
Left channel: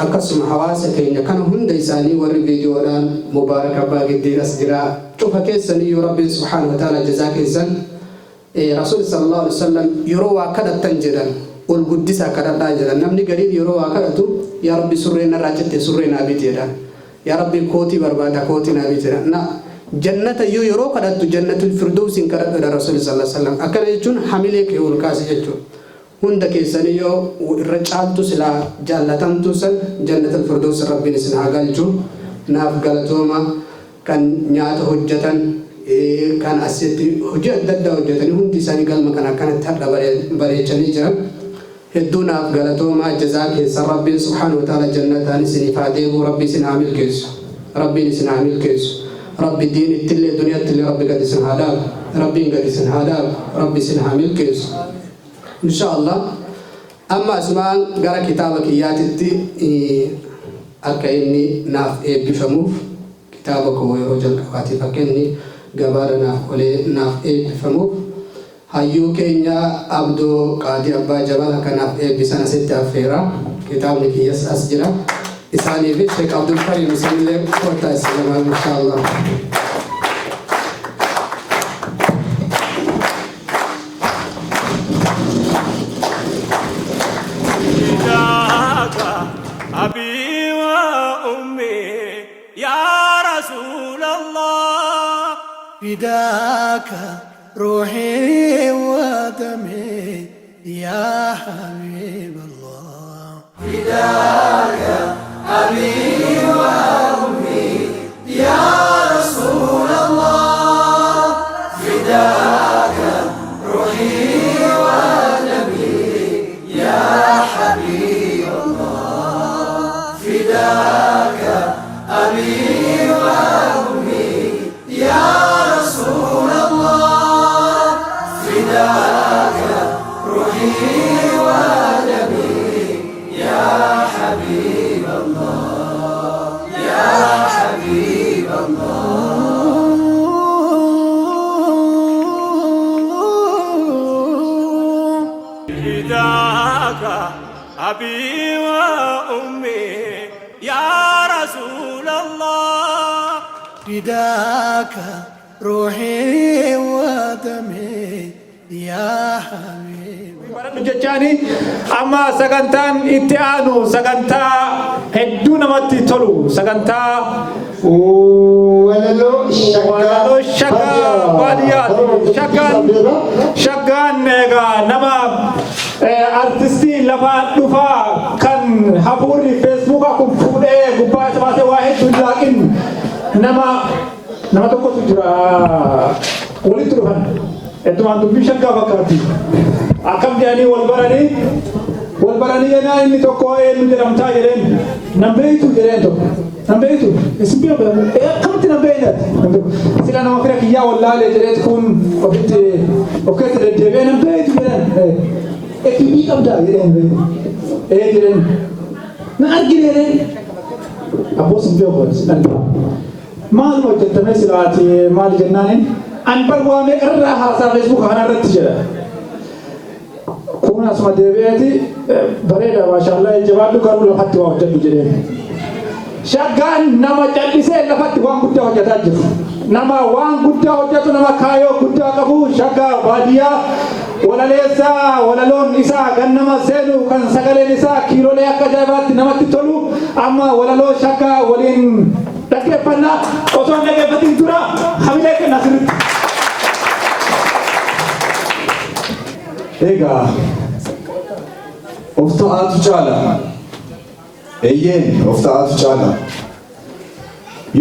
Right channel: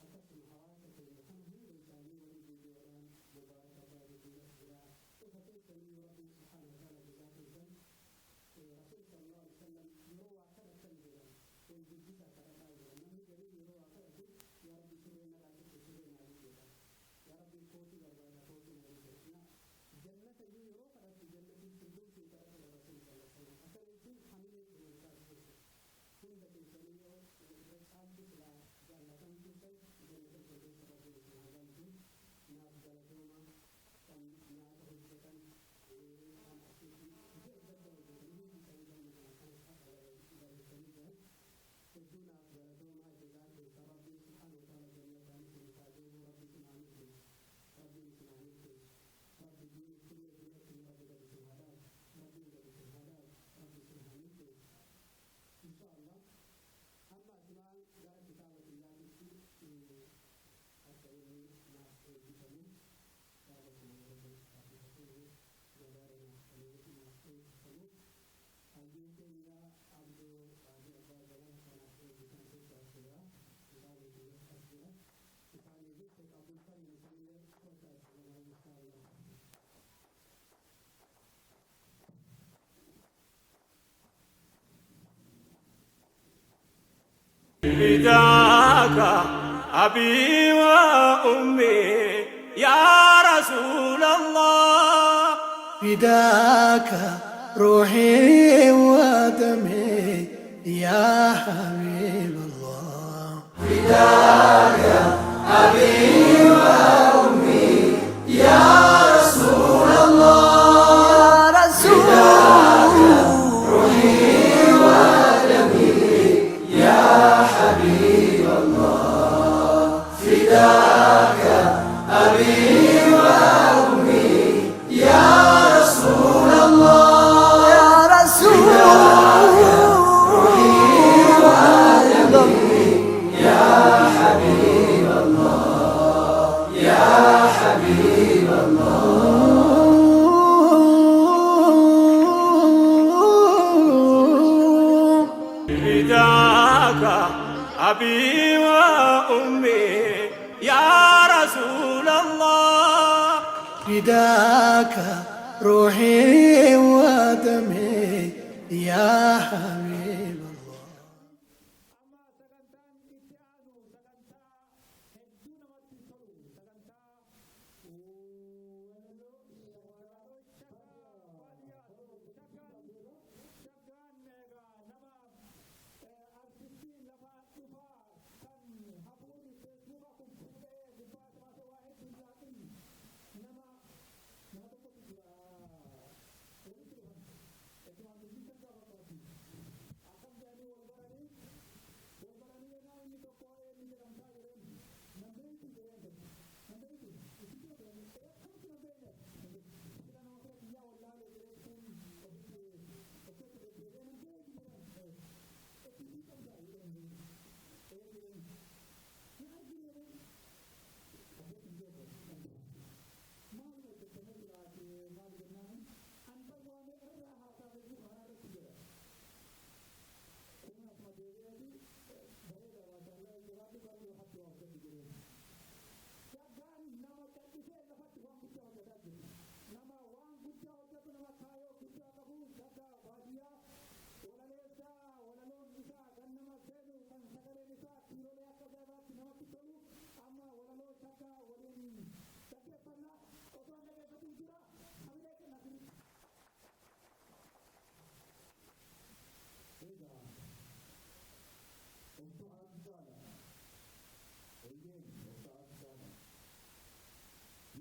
Akkasuma hawaasa keenya kana hunda isaanii warri viidiyoodhaan mubaarak abbaa giddiiras jira cufa keessanii yoo rabbiin subhaanahu wa ta'ala jazaa keessan rasuul sallallahu alaihi wasallam yeroo waa kadhatan jedhan ol guddisaa kadhadhaa jedhan namni gariin yeroo waa kadhatu yaa rabbi surreen irraa citte surreen abit jedhan yaa rabbi kootii barbaada kootiin abit jedhan na jannata yeroo kadhattu jannatul firdawsiin kadhadha rasuul sallallahu alaihi wasallam akkana jechuun hamilee kee ol kaasi jechuudha. Hunda keessanii yoo irra caaltu silaa jaallatamtu san jannatul firdaws rabbiin isin haa galchu naaf galatooma kan nyaata hojjetan kan asitti hojii adda addaa hojjetanii hundi isaanii galma kan akkanatti hadha bareechanii jiran hedduu naaf galatooma jazaa keessa rabbiin subhaanahu wa ta'ala jannataan isiniif haa deebi'u rabbi isin haa milkeessu rabbiin isin haa milkeessu rabbi diin ittillee duniyaattillee rabbi gad isin haa dhaabu rabbiin gad isin haa dhaabu rabbi isin haa milkeessu. Inshallah amma asmaan gara kitaaba kiyyaatitti akka inni naaf eebbifamuuf kitaaba koo yeroo jalqabaatiif akka inni gabaadha naaf olee naaf eebbifamuuf hayyuu keenya Abdoo Qaadii Abbaa Jabal akka naaf eebbisan asitti affeera kitaabni kiyyas as jira isaaniif Sheekh Abdul Karim isinillee kottaa islamaa inshallah. فداك أبي وأمي يا رسول الله فداك روحي ودمي يا حبيب الله فداك أبي وأمي يا رسول الله فداك روحي ودمي يا حبيب الله فداك أبي وأمي يا رسول الله يا رسول فداك روحي ودمي يا حبيب الله يا حبيب الله فداك أبي وأمي يا رسول الله فداك روحي ودمي يا حبيب jechaani amma sagantaan itti aanu sagantaa hedduu namatti tolu sagantaa walaloo shaggaa baadiyyaati shaggaan egaa nama artistii lafaa dhufaa kan hafuurri feesbuukaa kun fuudhee gubbaa isa baasee waa hedduu laaqin nama tokkotu jira walitti dhufan eddumaan dubbii shaggaa fakkaatti akkam jedhanii wal baranii yennaa inni tokko eenyu jedhamtaa jedheen nan beektu jedheen tokko nan beektu isin beeku akkamitti nan beeknati sila nama fira kiyyaa wallaalee jedheet kun ofitti of keessa deddeebi'ee nan beektu jedhan ekibii qabdaa jedheen jedheen na argine jedheen abboo sin beeku maaluma hojjettamee silaati maali jennaaniin an barwaamee irraa haasaa feesbuuka kana irratti jedha kun asuma deebi'eeti bareeda maashaallah jabaadhu garuu lafatti waa hojjedhu jedheen shaggaan nama callisee lafatti waan guddaa hojjetaa jiru nama waan guddaa hojjetu nama kaayoo guddaa qabu shaggaa baadiyyaa walaleessaa walaloon isaa kan nama seenu kan sagaleen isaa kiilolee akka ajaa'ibaatti namatti tolu amma walaloo shaggaa waliin dhaggeeffannaa osoo dhaggeeffatiin dura hamilee kenna sirriitti. Egaa ta'atu caala. Eeyyeen of ta'atu caala.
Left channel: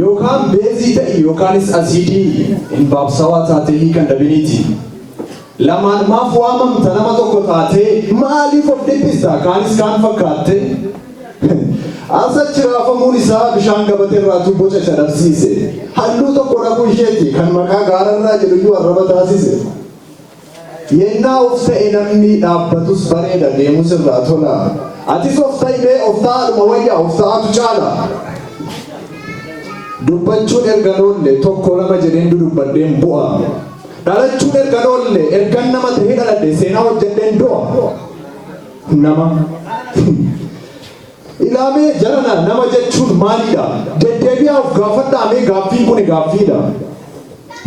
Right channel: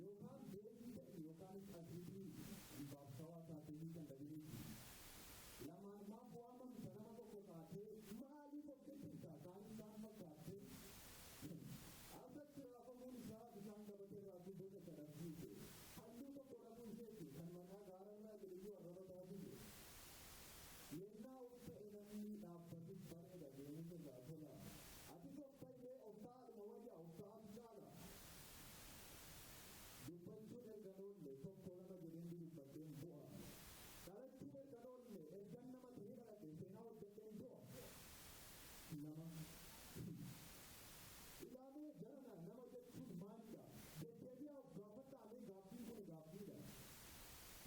Yookaan beezii ta'e yookaanis asiidii hin baabsawaa taatee hiikan dhabiniiti. Lamaan maaf waamamta nama tokko taatee maaliif of dhiphista kaanis kaan fakkaatte? Asachi raafamuun isaa bishaan gabatee irraa boca shadabsiise. Halluu tokko dhabuu isheeti kan maqaa gaararraa jedhu arraba taasise. Yennaa of ta'e namni dhaabbatus bareeda deemus irraa tola. Atis of ta'e of ta'adhuma wayyaa of ta'atu caala. Dubbachuun erga noolle tokko lama jedheen dudubbadheen bu'a. Dhalachuun erga noolle ergan nama ta'ee dhaladhe seenaa hojjedheen du'a. Nama. Ilaamee jarana nama jechuun maalidha? Deddeebi'aa of gaafadhaamee gaaffiin kun gaaffiidha.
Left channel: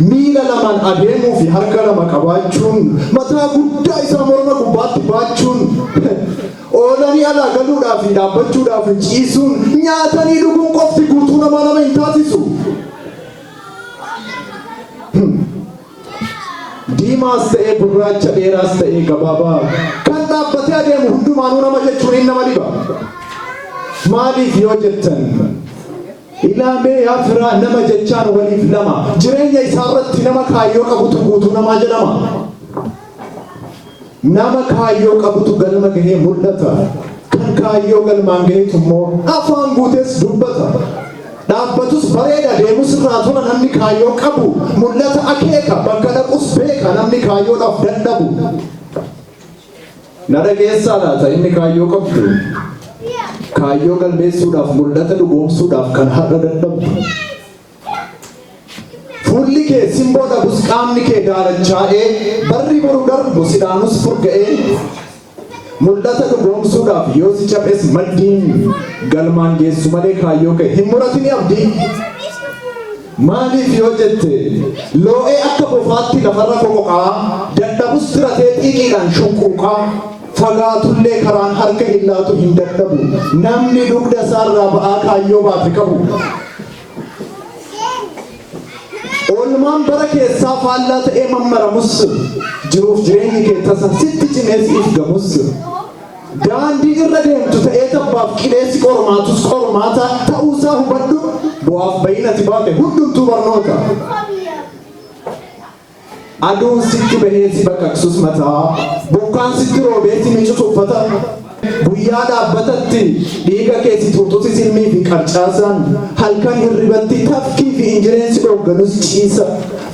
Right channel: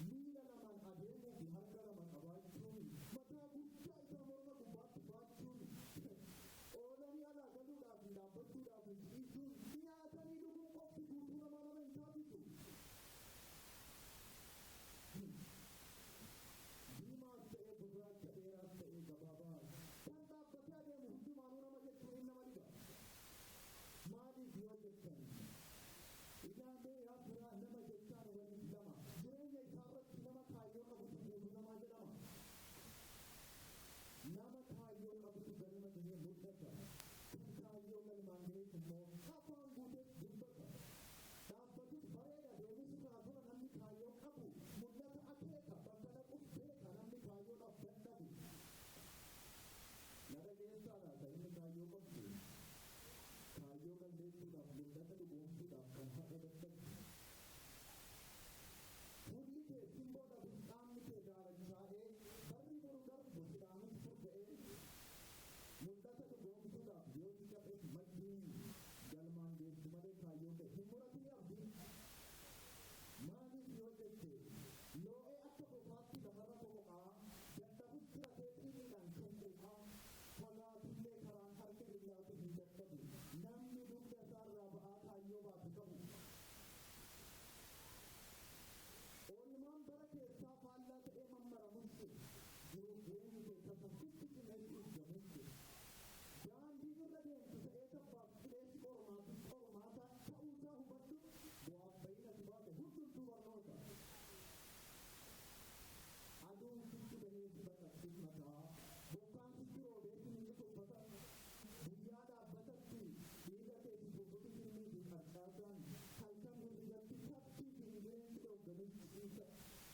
Miila lamaan adeemuu fi harka lama qabaachuun mataa guddaa isaa morma gubbaatti baachuun oolanii alaa galuudhaaf fi dhaabbachuudhaaf ciisuun nyaatanii dhuguun qofti guutuu nama hin taasisu. Diimaas ta'ee gurraacha dheeraas ta'ee gabaabaa kan dhaabbatee adeemu hundumaanuu nama jechuun hin nama dhiba. Maaliif yoo jettan ilaamee yaa firaa nama jechaan waliif lama jireenya isaarratti nama kaayyoo qabutu guutuu namaa jedhama. Nama kaayyoo qabutu galma gahee mul'ata. Kan kaayyoo galmaan gaheetu immoo afaan guutees dubbata. Dhaabbatus bareeda deemus irraa tola namni kaayyoo qabu mul'ata akeeka bakka dhaqus beeka namni kaayyoodhaaf dadhabu. Na dhageessaa laata inni kaayyoo qabdu? Kaayyoo galmeessuudhaaf mul'ata dhugoomsuudhaaf kan har'a dadhabdu. Fuulli kee simboo dhabus qaamni kee daalachaa'ee barri boru darbu sidaanus furga'ee mul'ata dhugoomsuudhaaf yoo si caphes maddiin galmaan geessu malee kaayyoo kee hin muratini abdii. Maaliif yoo jette loo'ee akka bofaatti lafarra foqoqaa dadhabus tiratee xiiqiidhaan shunquuqaa. Fagaatullee karaan harka illaatu hin dadhabu. Namni dugda isaarraa ba'aa kaayyoo baate qabu. Oolmaan bara keessaa faallaa ta'ee mammaramus jiruuf jireenyi kee tasa sitti cimeesiif gamus. Daandii irra deemtu ta'ee tabbaaf qileessi qormaatus qormaata ta'uusaa hubadhu. Bu'aaf bayinati baate hundumtuu barnoota. Aduun sitti bahee si baqaqsus mataa, bokkaan sitti roobee si miicutu uffata. Guyyaa dhaabbatatti dhiiga kee si tuutusi silmii fi qarcaasaan halkan hirribatti tafkii fi injireensi dhoogganus ciisa.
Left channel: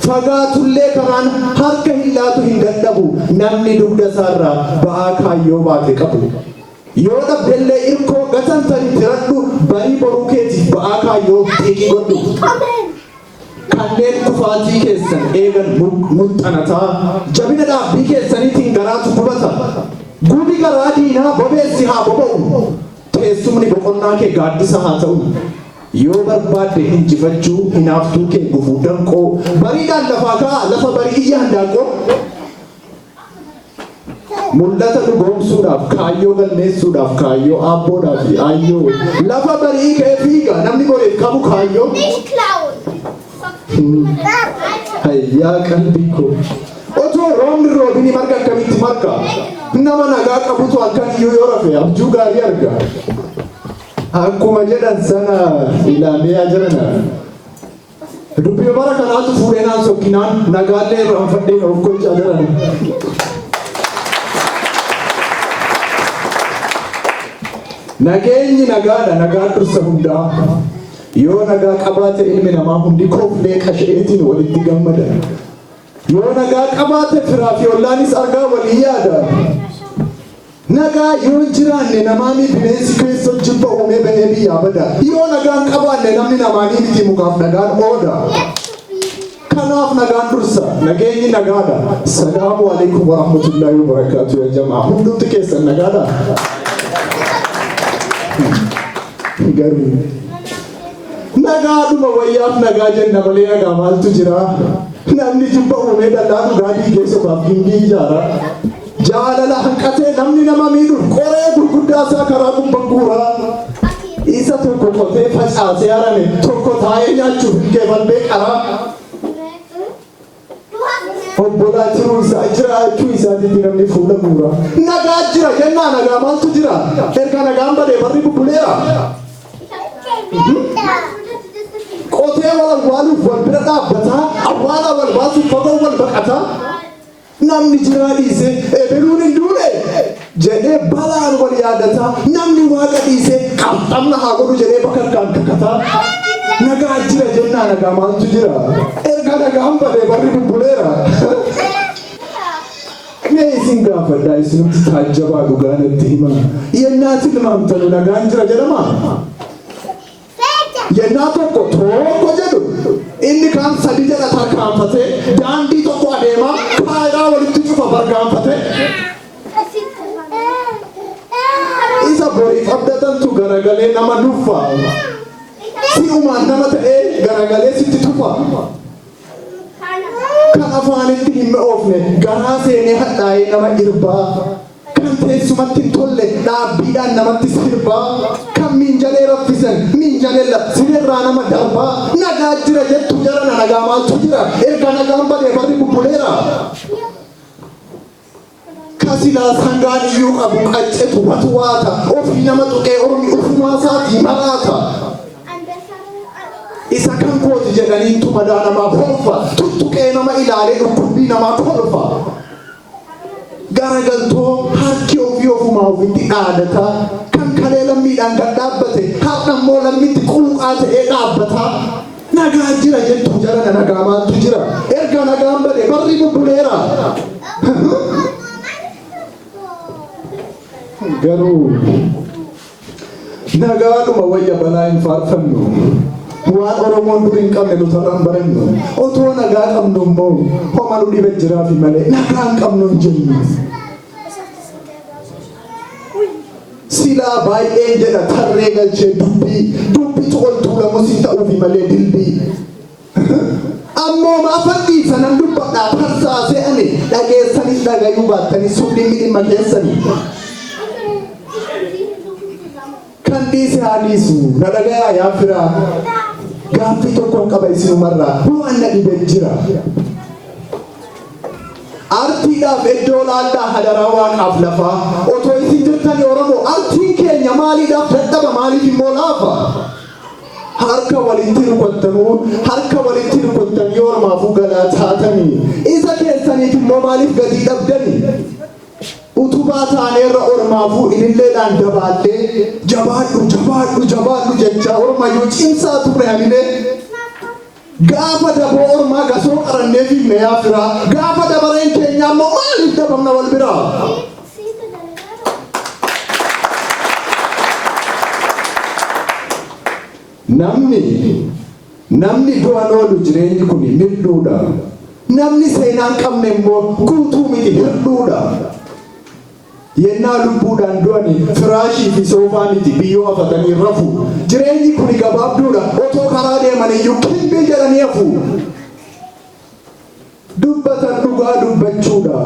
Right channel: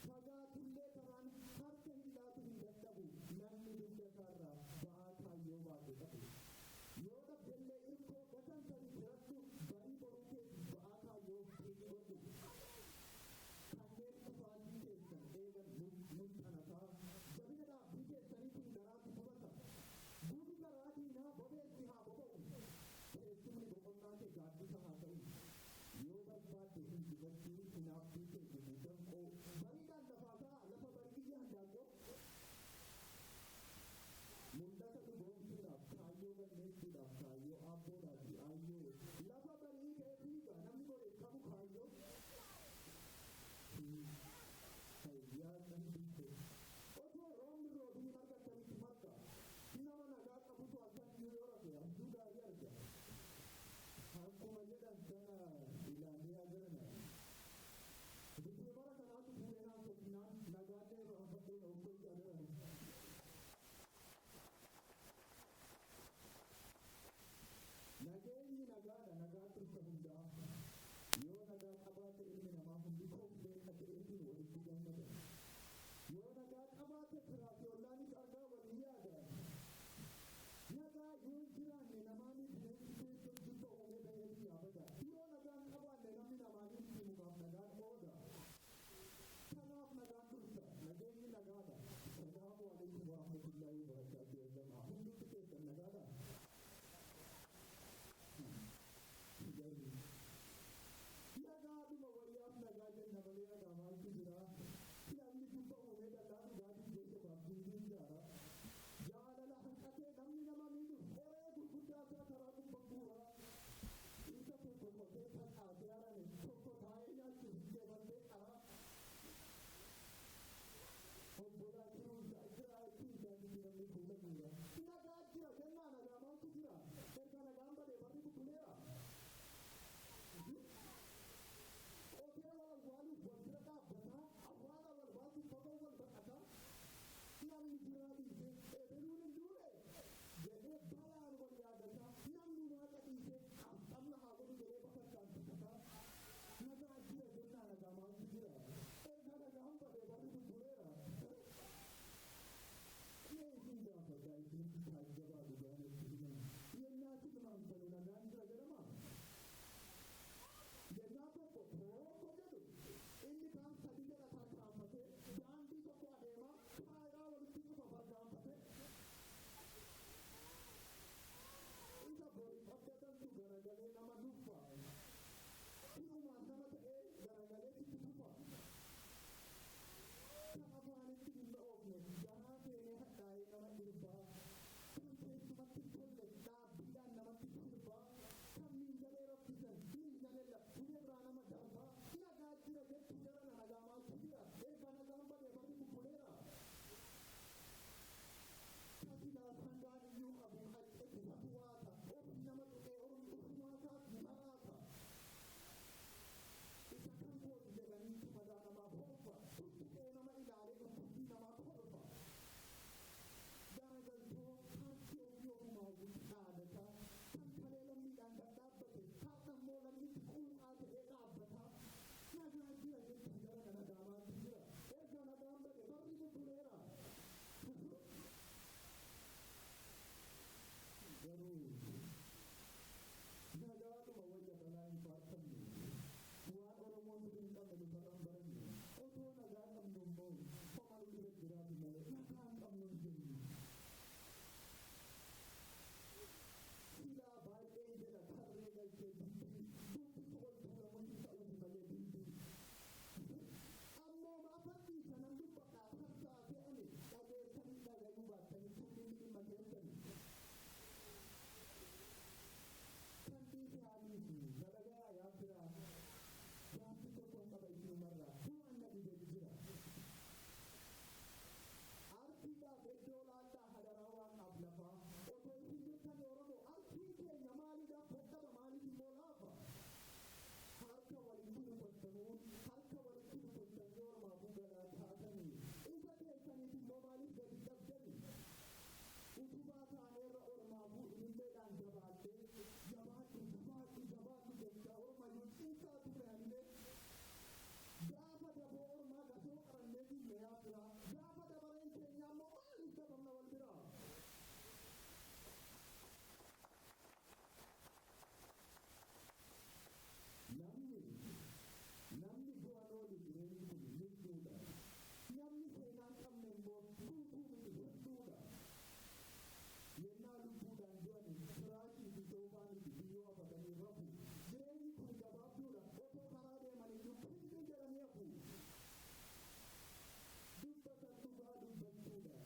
Fagaatullee karaan harka illaatu hin dadhabu namni dugda isaarraa ba'aa kaayyoo baate qabu. Yoo dhabdellee irkoo gatantanii tiradhu barii boruu keetiif ba'aa kaayyoo xiiqii godhu. Kanneen kufaatii keessan eegan mul'anataa jabina dhaabbii keessaniitiin garaatu gubata. Gubi garaa diinaa bobeessi haa boba'u. Teessumni boqonnaa kee gaaddisa haa ta'u. Yoo barbaadde injifachuu hinaaftuu kee gufuu danqoo bariidhaan lafaa ka'a lafa barii iyya handaanqoo. Mul'ata dhugoomsuudhaaf kaayyoo galmeessuudhaaf kaayyoo aabboodhaa fi aayyoo lafa barii kee fiiga namni boreef qabu kaayyoo. Hayyaa qalbii koo otoo roobni roobini marga akkamitti marga nama nagaa qabutu halkan iyyuu yoo rafe abjuu gaarii arga. Akkuma jedhan sana ilaamee jirana. Dubbii bara kanaatu fuudhee naan sokkinaan nagaallee irraan fadheen of gochaa jiran. Nageenyi nagaadha nagaa dursa hundaa. Yoo nagaa qabaate ilmi namaa hundi kooflee qasha'eetiin walitti gammada. Yoo nagaa qabaate firaa fi ollaanis argaa walii yaada. Nagaa yoo jiraanne namaanii bineensi keessa jibba uumee bahee biyyaa bada. Yoo nagaan qabaanne namni namaanii miti mukaaf nagaan ooda. Kanaaf nagaan dursa nageenyi nagaadha. Salaamu alaikum wa rahmatullahi wa barakaatu ya jamaa. Hundumti keessan nagaadha. Garuu nagaadhuma wayyaaf nagaa jenna malee nagaa maaltu jira? Namni jibba uumee dallaa dhugaatii keessumaaf gindii ijaara. Jaalala hanqatee namni nama miidhuuf qoree gurguddaa isaa karaa gubbaa guuraa. Isa tokko qotee facaasee harame tokko taa'ee nyaachuuf hin keefallee qaraa. Obbola jiraachuu isaatiitti namni fuula guura. Nagaa jira jennaa nagaa maaltu jira? Erga nagaan badee barri bubbuleera. Qotee wal awwaaluuf wal bira dhaabbataa, awwaala wal baasuuf fagoo wal baqataa. Namni jiraa dhiisee ebeluun hin duune jedhee balaan wal yaadataa. Namni waaqa dhiisee qabxamna haa godhu jedhee bakka kan kakataa. Nagaa jira jennaa nagaa maaltu jira? Erga nagaan badee barri bubbuleera. Mee isin gaafadhaa isinumti taajjabaa dhugaa natti himaa. Yennaatti limaamtanu nagaan jira jedhama. Yennaa tokko jedhu inni kaan sadi jedha tarkaanfatee daandii tokko adeemaa kaayiraa walitti cufa bargaanfatee. Isa boriif abdatantu garagalee nama dhuunfaa. Si'umaan nama ta'ee garagalee sitti tufa. Kan afaanitti hin oofne garaa seenee hadhaa'ee nama irbaa. Kan teessumatti hin tolle dhaabbiidhaan namatti sirbaa. Kan miinjalee raffisan miinjalee sinirraa nama darbaa. Nagaa jira jettu jarana nagaa maaltu jira? Erga nagaan badee barri bubbuleera. Kasilaa sangaan iyyuu qabu qaccetu watuwaata. Ofii nama tuqee ormi ufumaa isaatii maraata. Isa kan kooti jedhanii tumadaa namaa kolfa. Tuttuqee nama ilaalee dhukkubbii namaa kolfa. Garagaltoo harki ofii ofumaa ofitti dhaadata. Kan kalee lammiidhaan gad dhaabbate har'a immoo lammiitti quuqaa ta'ee dhaabbata. Nagaa jira jettu jarana nagaa maaltu jira? Erga nagaan badee barri bubbuleera. Garuu nagaadhuma wayya balaa hin faarfannu. Waan Oromoon dur hin qabne nuti irraan barannu. Otoo nagaa qabnu immoo homa nu dhibe jiraafi malee nagaa hin qabnu hin jennu. Silaa baay'een jedha tarree galchee dubbii toltuu lamus hin ta'uufi malee dilbii. Ammoo maafatti sanan dubbadhaa tarsaasee ani dhageessanis dhagayuu baattanis suudhiin dhimma keessanii. Kan dhiise haa dhiisu na dhagayaa yaa firaa. Gaaffii tokkoon qaba isinumarraa waan na dhibee jira. Artiidhaaf iddoo laallaa hadaraa waaqaaf lafaa. Otoo isin jirtani Oromoo artiin keenya maaliidhaaf dadhaba maaliif immoo laafa? Harka walitti rukuttanii ormaafuu galaa taatanii. Isa keessaniif immoo maaliif gatii dhabdanii? Utubaa taaneerra ormaafuu ililleedhaan dabaallee jabaadhu jecha ormayyuu cimsaa turre hamilee. Gaafa daboo ormaa gasoo qarannee fiifne yaa firaa. Gaafa dabareen keenya ammoo maaliif dabamna wal biraa? Namni du'an oolu jireenyi kun mil'uudha. Namni seenaan qabne immoo guutuu miti hir'uudha. Yennaa lubbuudhaan du'ani firaashii fi soofaa miti biyyoo hafatanii rafu. Jireenyi kun gabaabduudha. Otoo karaa deeman iyyuu kilbii jedhanii hafu. Dubbatan dhugaa dubbachuudha.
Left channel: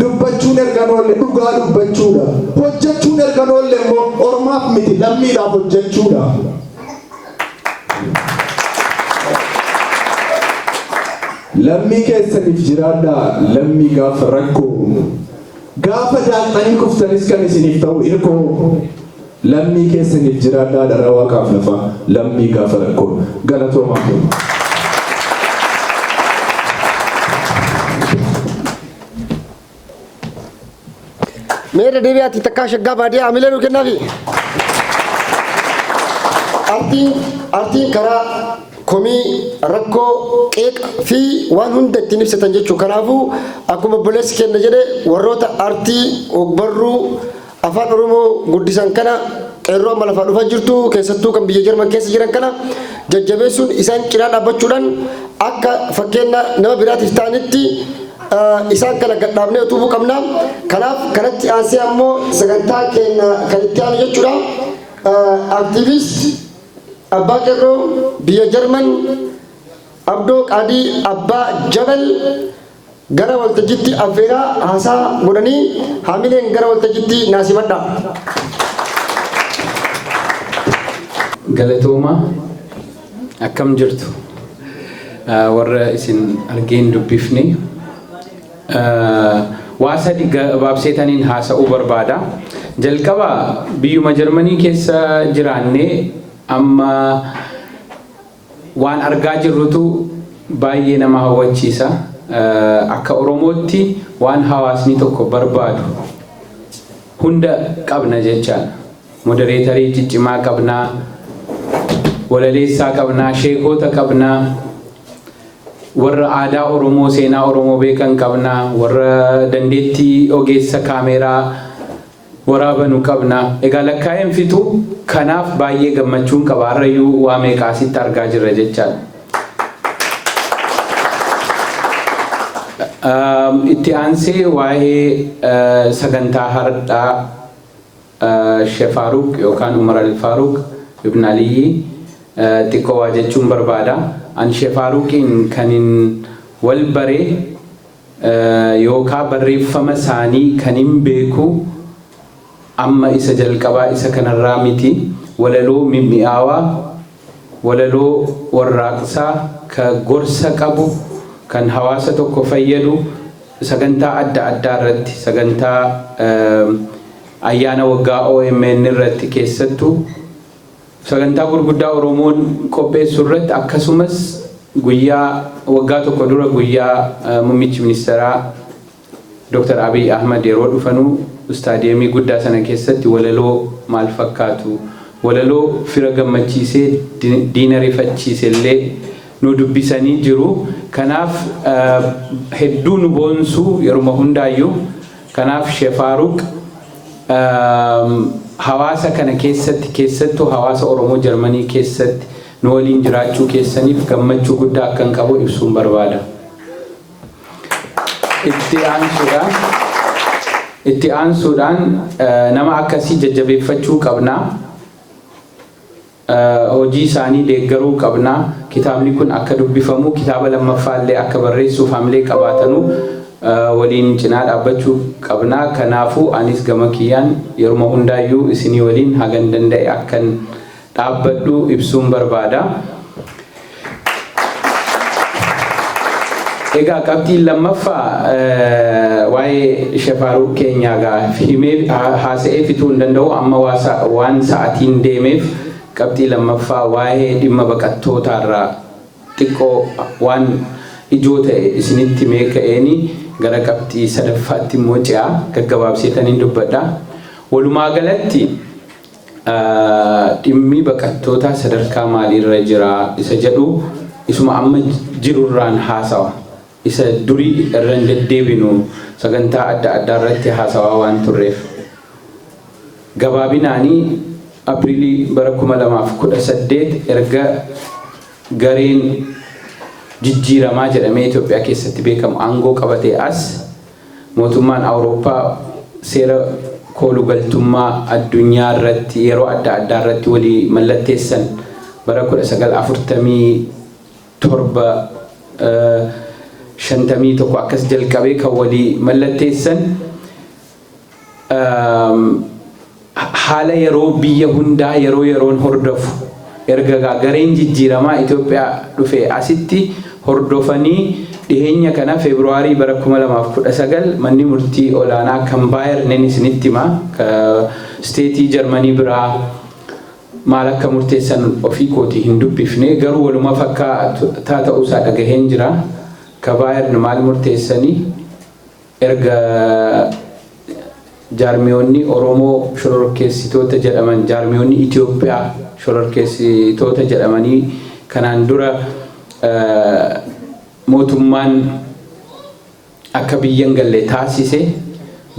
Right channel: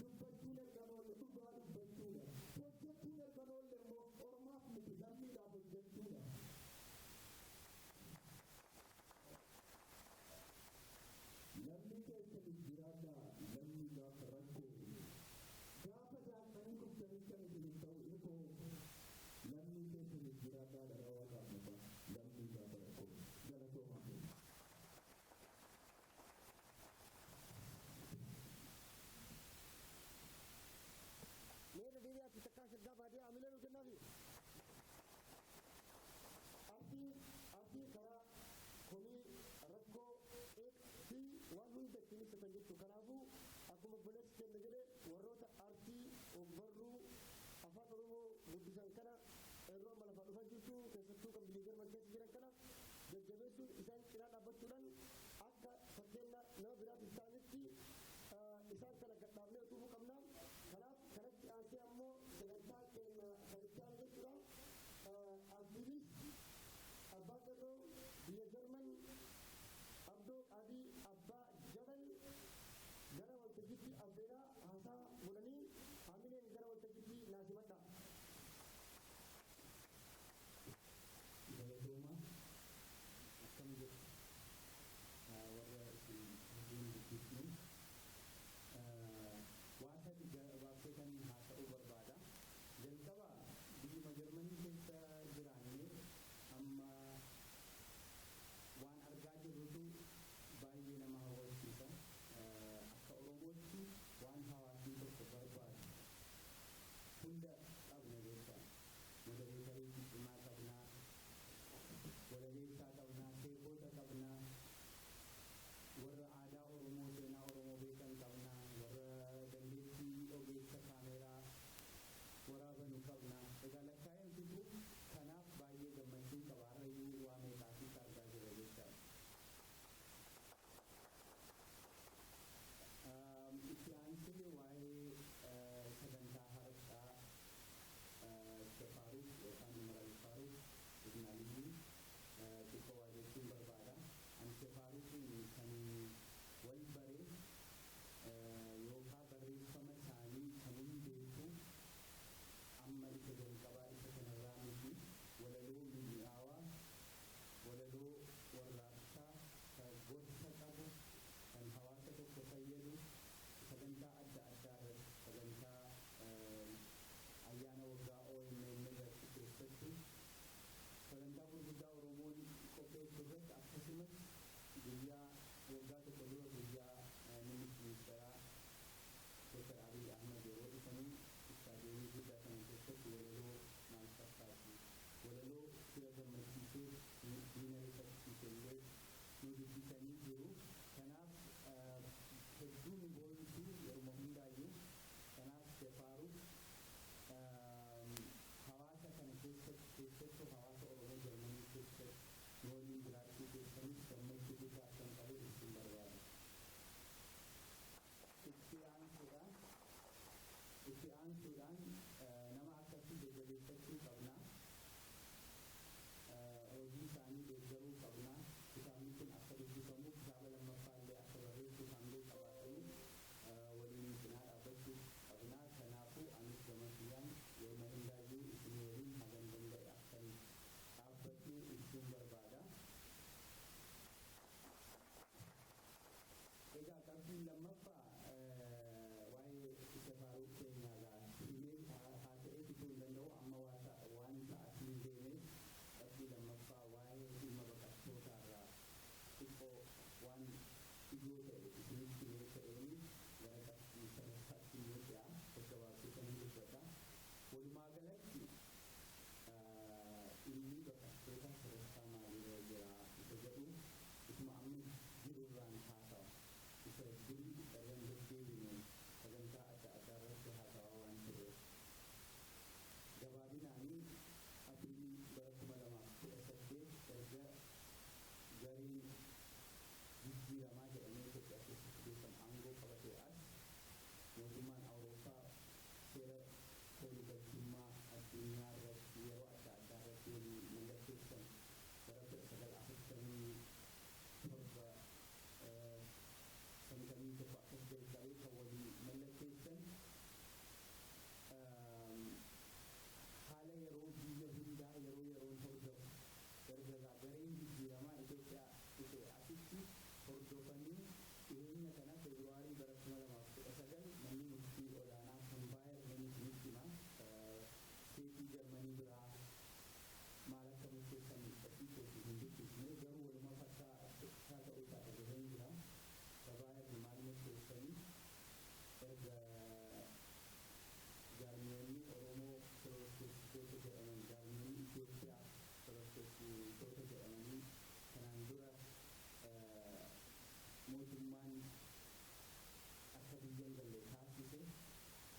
Dubbachuun ergan oolle dhugaa dubbachuudha. Hojjechuun ergan oolle immoo ormaaf miti lammiidhaaf hojjechuudha. Lammii keessaniif jiraadhaa lammii gaafa rakkoo. Gaafa daaqxanii kuftanis kan isiniif ta'u hirkoo. Lammii keessaniif jiraadhaa dhala waaqaaf lafa lammii gaafa rakkoo. Galatoomaa. Meera deebi'aatti takkaa shaggaa baadiyyaa amilee nu kennaafi. Artiin karaa komii rakkoo qeeqa fi waan hunda ittiin ibsatan jechuudha. Kanaafuu akkuma obboleessi kenna jedhe warroota artii ogbarruu afaan Oromoo guddisan kana qeerroo amma lafaa dhufaa jirtu keessattuu kan biyya Jarman keessa jiran kana jajjabeessuun isaan cinaa dhaabbachuudhaan akka fakkeenya nama biraatiif ta'anitti isaan kana gadhaabnee utubuu qabna. Kanaaf kanatti aansee ammoo sagantaa keenya kan itti aanu jechuudha. Aktiivist Abbaa Qeerroo biyya Jarman Abdoo Qaadii Abbaa Jabal gara waltajjiitti affeeraa haasaa godhanii haamileen gara waltajjiitti naasimadha. Galatooma akkam jirtu warra isin argeen dubbifne waa sadi gabaabseetaniin haasa'uu barbaada. Jalqaba biyyuma Jarmanii keessa jiraannee amma waan argaa jirrutu baay'ee nama hawwachiisa. Akka Oromootti waan hawaasni tokko barbaadu hunda qabna jechaadha. Modereetarii ciccimaa qabnaa, walaleessaa qabnaa, sheekota qabnaa, warra aadaa Oromoo, seenaa Oromoo beekan qabnaa, warra dandeettii ogeessa kaameeraa waraabanu qabnaa. Egaa lakkaa'een fitu kanaaf baay'ee gammachuun qaba. Harrayyuu waa meeqaasitti argaa jirra jechaadha. Itti aansee waa'ee sagantaa hardhaa Sheikh Faaruq yookaan Umar al-Faaruq Ibn Aliyyi xiqqoo waa jechuun barbaada. An Sheikh Faaruqiin kanin wal baree yookaan barreeffama isaanii kanin beeku amma isa jalqabaa isa kanarraa miti. Walaloo mimmi'aawaa, walaloo warraaqsaa ka gorsa qabu, kan hawaasa tokko fayyadu, sagantaa adda addaa irratti, sagantaa ayyaana waggaa OMN irratti keessattuu sagantaa gurguddaa Oromoon qopheessu irratti akkasumas guyyaa waggaa tokko dura guyyaa muummichi ministeeraa Dr. Abiy Ahmed yeroo dhufanuu istaadiyeemii guddaa sana keessatti walaloo maal fakkaatu, walaloo fira gammachiisee diina rifachiise illee nu dubbisanii jiru. Kanaaf hedduu nu boonsu yeruma hundaayyuu. Kanaaf Sheikh Faaruq hawaasa kana keessatti keessattuu hawaasa Oromoo Jarmanii keessatti nu waliin jiraachuu keessaniif gammachuu guddaa akkan qabu ibsuun barbaada. Itti aansuudhaan nama akkasii jajjabeeffachuu qabnaa. Hojii isaanii deeggaruu qabnaa. Kitaabni kun akka dubbifamu, kitaaba lammaffaallee akka barreessuuf hamilee qabaatanu waliin cinaa dhaabbachuu qabnaa. Kanaafuu anis gama kiyyaan yeruma hundaayyuu isinii waliin hagan danda'e akkan dhaabbadhu ibsuun barbaada. Egaa qabxiin lammaffaa waa'ee Sheikh Faaruq keenyaa himee haasa'ee fituu hin danda'u amma waan sa'aatiin deemeef qabxii lammaffaa waa'ee dhimma baqattootaarraa xiqqoo waan ijoo ta'e isinitti meeka'eeni gara qabxii sadaffaatti immoo ce'a gaggabaabseetaniin dubbadha. Walumaa galatti dhimmi baqattootaa sadarkaa maaliirra jira isa jedhu isuma amma jirurraan haasawa. Isa durii irra hin deddeebinu sagantaa adda addaa irratti haasawaa waan turreef. Gabaabinaanii Apriilii bara 2018 erga gareen jijjiiramaa jedhamee Itoophiyaa keessatti beekamu aangoo qabatee as mootummaan Awurooppaa seera koolugaltummaa addunyaa irratti yeroo adda addaa irratti walii mallatteessan bara 1947 akkas jalqabee kan walii mallatteessan haala yeroo biyya hundaa yeroon hordofu erga gareen jijjiiramaa Itoophiyaa dhufee asitti hordofanii dhiheenya kana Feebruaarii bara 2019 manni murtii olaanaa kan Baayern isinitti hima ka steetii Jarmanii biraa maal akka murteessan ofii kootii hin dubbifne garuu waluma fakkaataa ta'uusaa dhagaheen jira. Ka Baayern maal murteessanii erga jaarmiyoonni Oromoo shororkeessitoota jedhaman jaarmiyoonni Itoophiyaa shororkeessitoota jedhamanii kanaan dura mootummaan akka biyyan galle taasise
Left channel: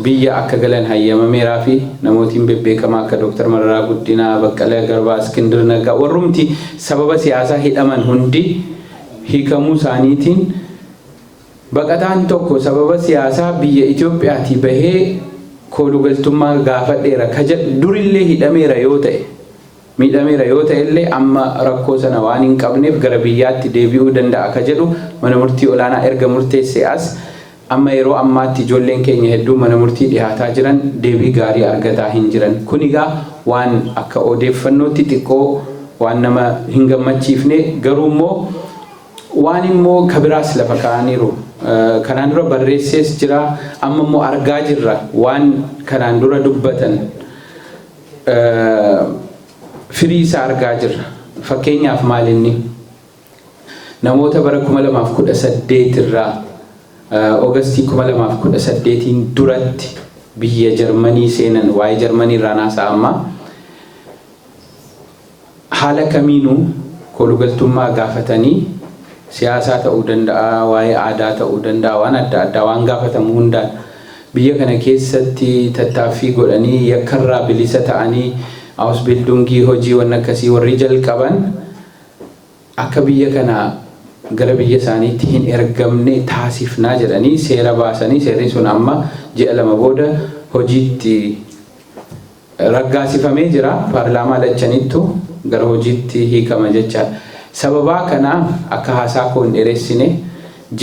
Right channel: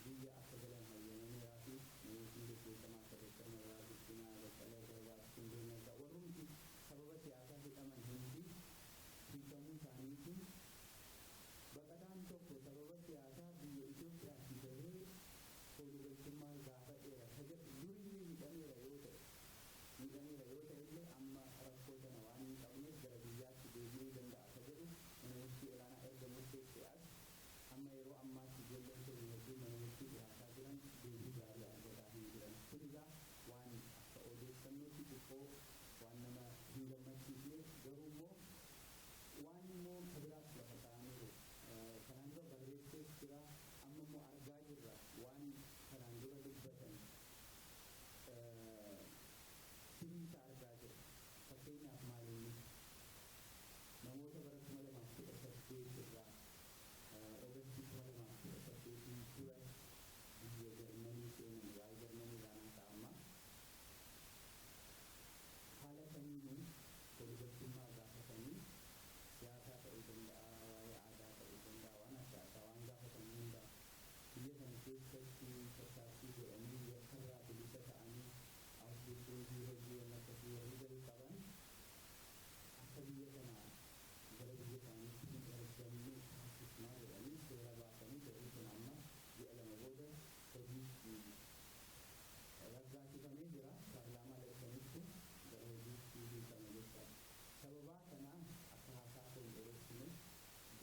biyya akka galan hayyamameeraa fi namootiin bebbeekamaa akka Dr. Mararaa Guddinaa, Baqqalee Garbaa, Iskindir Naggaa warrumti sababa siyaasaa hidhaman hundi hiikamuu isaaniitiin baqataan tokko sababa siyaasaa biyya Itoophiyaatii bahee koolugaltummaa gaafadheera ka jedhu durillee hidhameera yoo ta'e miidhameera yoo ta'e illee amma rakkoo sana waan hin qabneef gara biyyaatti deebi'uu danda'a ka jedhu mana murtii olaanaa erga murteessee as amma yeroo ammaatti ijoolleen keenya hedduu mana murtii dhiyaataa jiran deebii gaarii argataa hin jiran. Kun egaa waan akka odeeffannootti xiqqoo waan nama hin gammachiifne garuu immoo waan immoo kabiraas lafa kaa'aniiru. Kanaan dura barreessees jira, amma immoo argaa jirra waan kanaan dura dubbatan firii isaa argaa jirra. Fakkeenyaaf maalinni namoota bara 2018 irraa Oogustii 2018 duratti biyya Jarmanii seenan waa'ee Jarmanii irraa naasaa amma haala kamiinuu kolugaltummaa gaafatanii siyaasaa ta'uu danda'a, waa'ee aadaa ta'uu danda'a, waan adda addaa waan gaafatamu hundaan biyya kana keessatti tattaaffii godhanii yakkarraa bilisa ta'anii Ausbildungii hojii waan akkasii warri jalqaban akka biyya kana gara biyya isaaniitti hin ergamne taasifnaa jedhanii seera baasanii seerri sun amma ji'a 2 booda hojiitti raggaasifamee jira. Paarlaamaa lachanittu gara hojiitti hiikama jechaadha. Sababaa kana akka haasaa koo hin dheeressine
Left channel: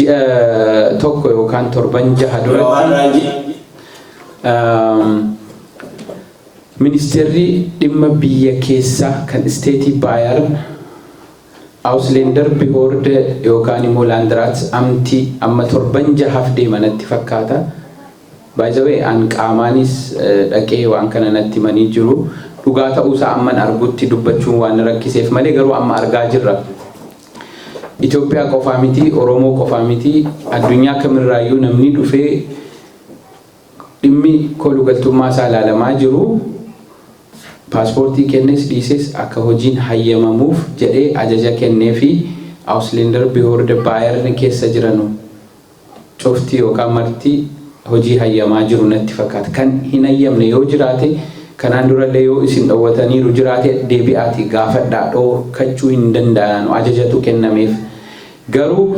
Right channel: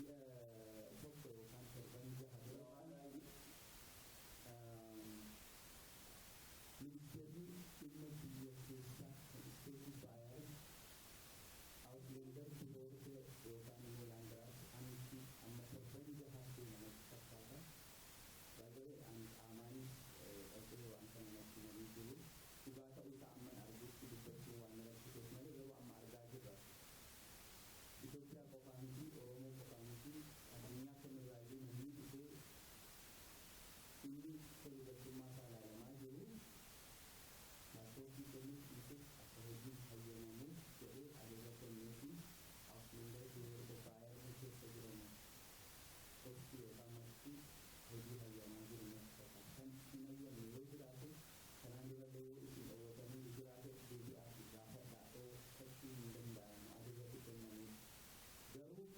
ji'a 1 yookaan 7-6 duratti Ministerri dhimma biyya keessaa kan isteetii Baayern Ausländer Behörde yookaan immoo Landraats amtii amma 7-6 deemanatti fakkaata. By the way, an qaamaanis dhaqee waan kana natti manii jiru. Dhugaa ta'uusaa amman argutti dubbachuun waan rakkiseef malee garuu amma argaa jirra. Itoophiyaa qofaa miti, Oromoo qofaa miti, addunyaa kamirraayyuu namni dhufee dhimmi kolugaltummaa isaa ilaalamaa jiru. Paaspoortii kennes dhiises akka hojiin hayyamamuuf jedhee ajaja kennee fi Ausländer Behörde Baayern keessa jiranu cuftii yookaan martii hojii hayyamaa jiru natti fakkaata. Kan hin hayyamne yoo jiraate kanaan durallee yoo isin dhowwataniiru jiraate deebi'aati gaafadhaa dhorkachuu hin danda'an ajajatu kennameef. Garuu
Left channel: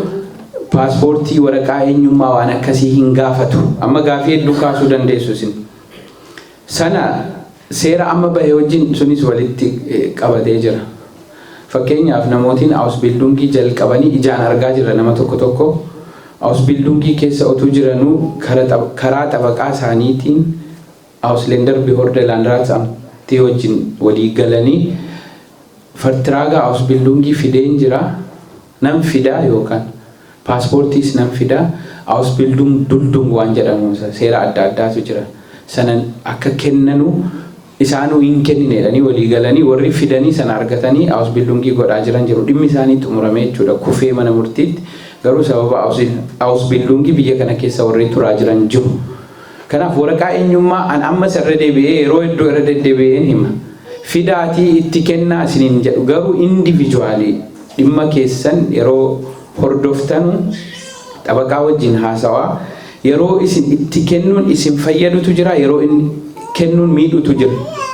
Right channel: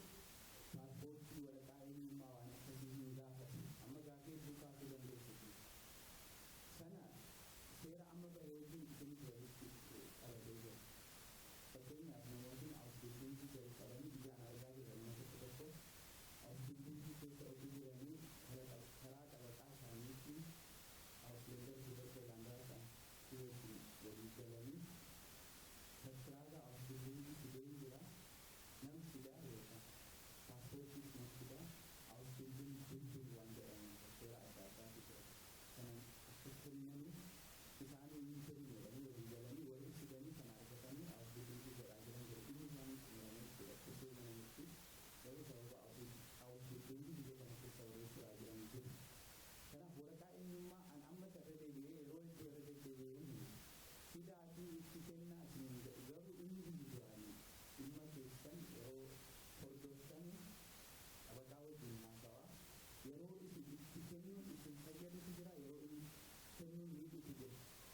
paaspoortii waraqaa eenyummaa waan akkasii hin gaafatu. Amma gaafii hedduu kaasuu dandeessu isin. Sana seera amma bahee wajjin sunis walitti qabatee jira. Fakkeenyaaf namootiin Ausbildungii jalqabanii ijaan argaa jirra nama tokko Ausbildungii keessa otuu jiranuu karaa xabaqaa isaaniitiin Ausländer Behörde Landraats amtii wajjin walii galanii Vertraaga Ausbildungii fideen jira. Nam fidaa yookaan paaspoortiis nam fidaa Ausbildung Duldung waan jedhamu seera adda addaatu jira. Sanan akka kennanu isaanuu hin kenninedhanii walii galanii warri fidanii sana argatanii Ausbildungii godhaa jiran jiru. Dhimmi isaanii xumuramee jechuudha kufee mana murtiitti. Garuu sababa Ausbildungii biyya kana keessa warri turaa jiran jiru. Kanaaf waraqaa eenyummaa an ammas irra deebi'ee yeroo hedduu irra deddeebi'een hima. Fidaatii itti kennaa isiniin jedhu garuu individuaalii dhimma keessan yeroo hordoftanu xabaqaa wajjin haasawaa yeroo isin itti kennuun isin fayyadutu jira yeroo inni kennuun miidhutu jira.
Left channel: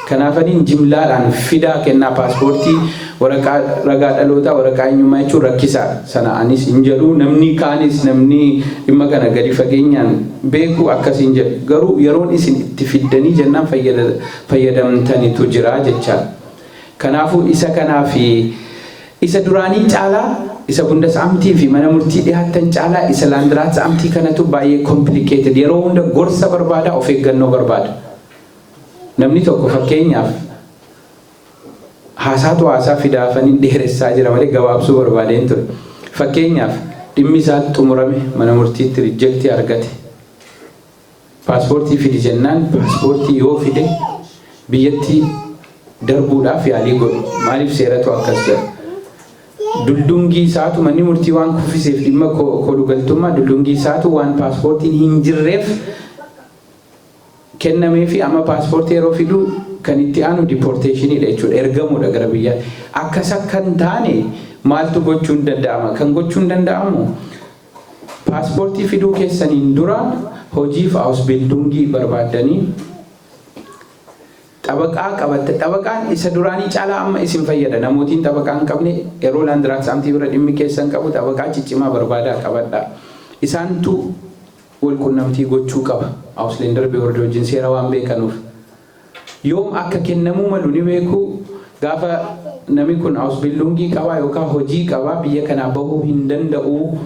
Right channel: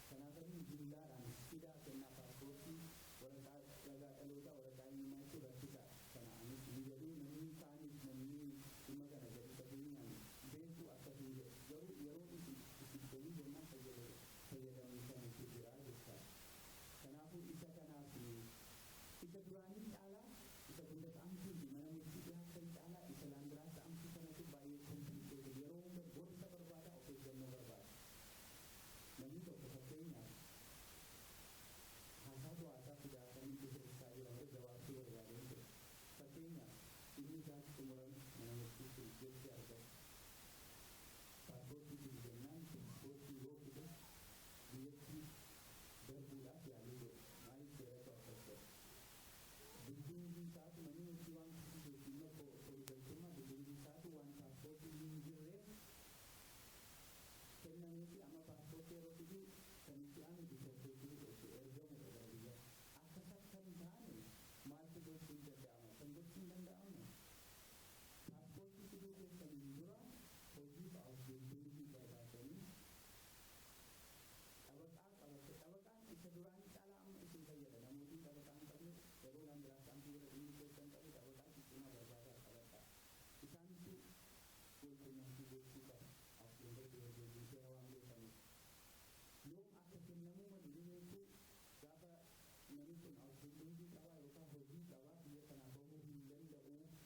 Kanaafaniin jimlaadhaan fidaa kennaa paaspoortii waraqaa ragaa dhalootaa waraqaa eenyummaa jechuun rakkisaa sana anis hin jedhu namni kaanis namni dhimma kana gadi fageenyaan beeku akkasiin jedhu garuu yeroon isin itti fiddanii jennaan fayyadamtanitu jira jechaadha. Kanaafuu isa kanaafi isa duraanii caalaa isa bundasamtii fi mana murtii dhiyaatan caalaa isa Landraats amtii kanatu baay'ee complicated yeroo hunda gorsa barbaada of eeggannoo barbaada. Namni tokko fakkeenyaaf haasaa fidaafanii dheeressaa jira malee gabaabsuu barbaadeen ture. Fakkeenyaaf dhimmi isaa xumurame mana murtiitti riijektii argate. Paaspoortii fidi jennaan paaspoortii yoo fide biyyatti darbuudhaaf yaalii godhu. Maaliif seeratu akkas jedha? Duldungii isaatu manni murtii waan kuffiseef dhimma kolugaltummaa duldungii isaatu waan paaspoortiin hin jirreef kennamee fi amma paaspoortii yeroo fidu kan itti aanu diporteeshiniidha jechuudha ergamuudha gara biyyaa. Akkas akka hin taane maaltu gochuun danda'ama? Kan gochuun danda'amu paaspoortii fiduu keessaniin dura hojiif Ausbildungii barbaaddanii xabaqaa qabatte. Xabaqaan isa duraanii caalaa amma isin fayyada. Namootiin xabaqaa hin qabne yeroo Landraats amtii bira dhimmi keessan qabu xabaqaa ciccimaa barbaadaa qabadha. Isaantu wal qunnamtii gochuu qaba. Ausländer Behörde wajjin seera waan beekanuuf. Yoom akka kennamuu malu ni beeku gaafa namni kun Ausbildungii qabaa yookaan hojii qabaa biyya kanaa bahuu hin danda'u.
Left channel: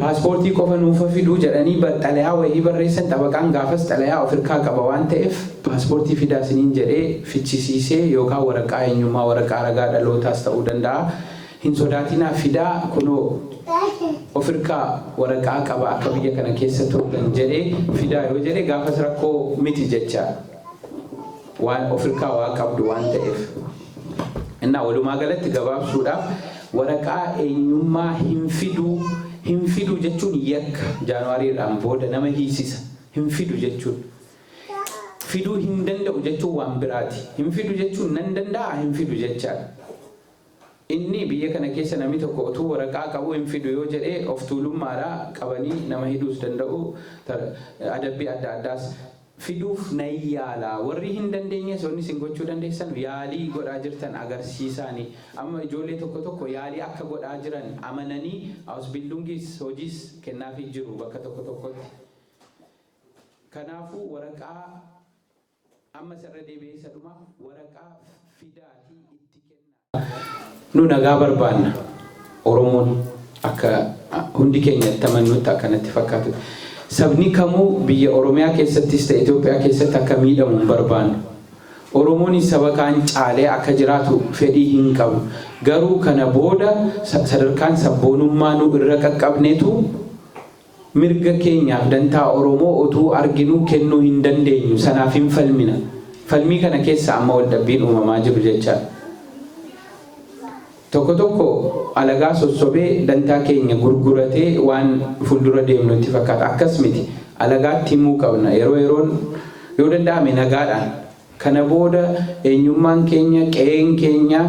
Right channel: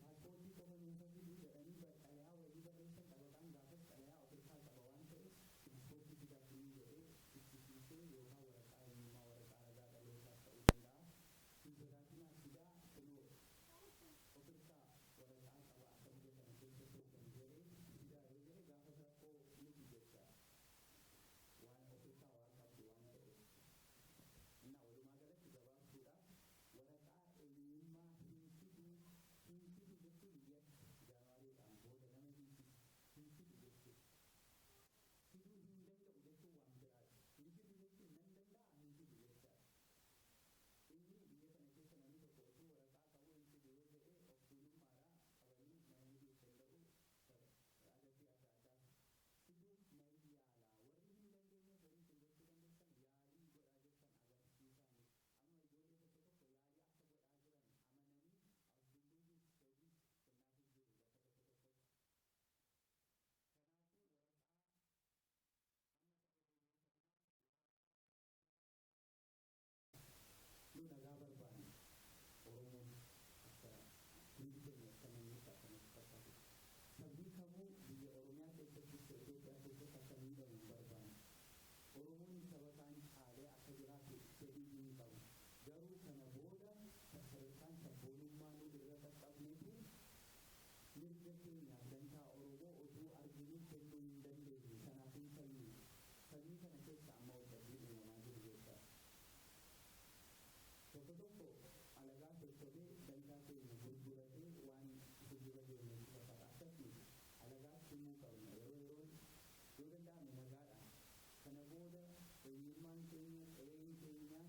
Paaspoortii qofa nuufa fiduu jedhanii xalayaa wayii barreessan xabaqaan gaafas xalayaa ofirkaa qaba waan ta'eef paaspoortii fidaa isiniin jedhee fichisiisee yookaan waraqaa eenyummaa waraqaa ragaa dhalootaas ta'uu danda'a hin sodaatinaa fidaa kunoo ofirkaa waraqaa qaba akka biyya kana keessa turan jedhee fidaa yoo jedhe gaafas rakkoo miti jecha waan ofirkaa waa qabdu waan ta'eef. Innaa walumaa galatti gabaabsuudhaaf waraqaa eenyummaa hin fidu jechuun yakka Jaanuwaariidhaan booda nama hiisisa. Hin fidu jechuun fiduu hin danda'u jechuun waan biraati. Hin fidu jechuun nan danda'a hin fidu jechaadha. Inni biyya kana keessa namni tokko utuu waraqaa qabu hin fidu yoo jedhee of tuulummaadhaa qabanii nama hidhuus danda'u adabbii adda addaas fiduuf nan yaala. Warri hin dandeenyes wanni isin gochuu dandeessan yaalii godhaa jirtan agarsiisaanii. Amma ijoollee tokko yaalii akka godhaa jiran amananii Ausbildungis hojiis kennaafii jiru bakka tokkotti. Kanaafuu waraqaa amma sarara deebi'ee isa dhuma waraqaa fidaatii itti kenna. Nu nagaa barbaanna Oromoon akka hundi keenya tamannutti akkanatti fakkaatu. Sabni kamuu biyya Oromiyaa keessattis ta'e Itoophiyaa keessatti akka miidhamu hin barbaannu. Oromoon saba kaan caalee akka jiraatu fedhii hin qabu. Garuu kana booda sadarkaan sabboonummaa nu irra qaqqabneetu mirga keenyaaf dantaa Oromoo utuu arginuu kennuu hin dandeenyu. Sanaaf hin falmina. Falmii kana keessa amma waldhabbiin uumamaa jiru jechaadha. Tokko alagaa sossobee dantaa keenya gurguratee waan fuuldura deemnu itti fakkaata. Akkas miti. Alagaatti himuu qabna. Yeroon yoo danda'ame nagaadhaan. Kana booda eenyummaan keenya qe'een keenya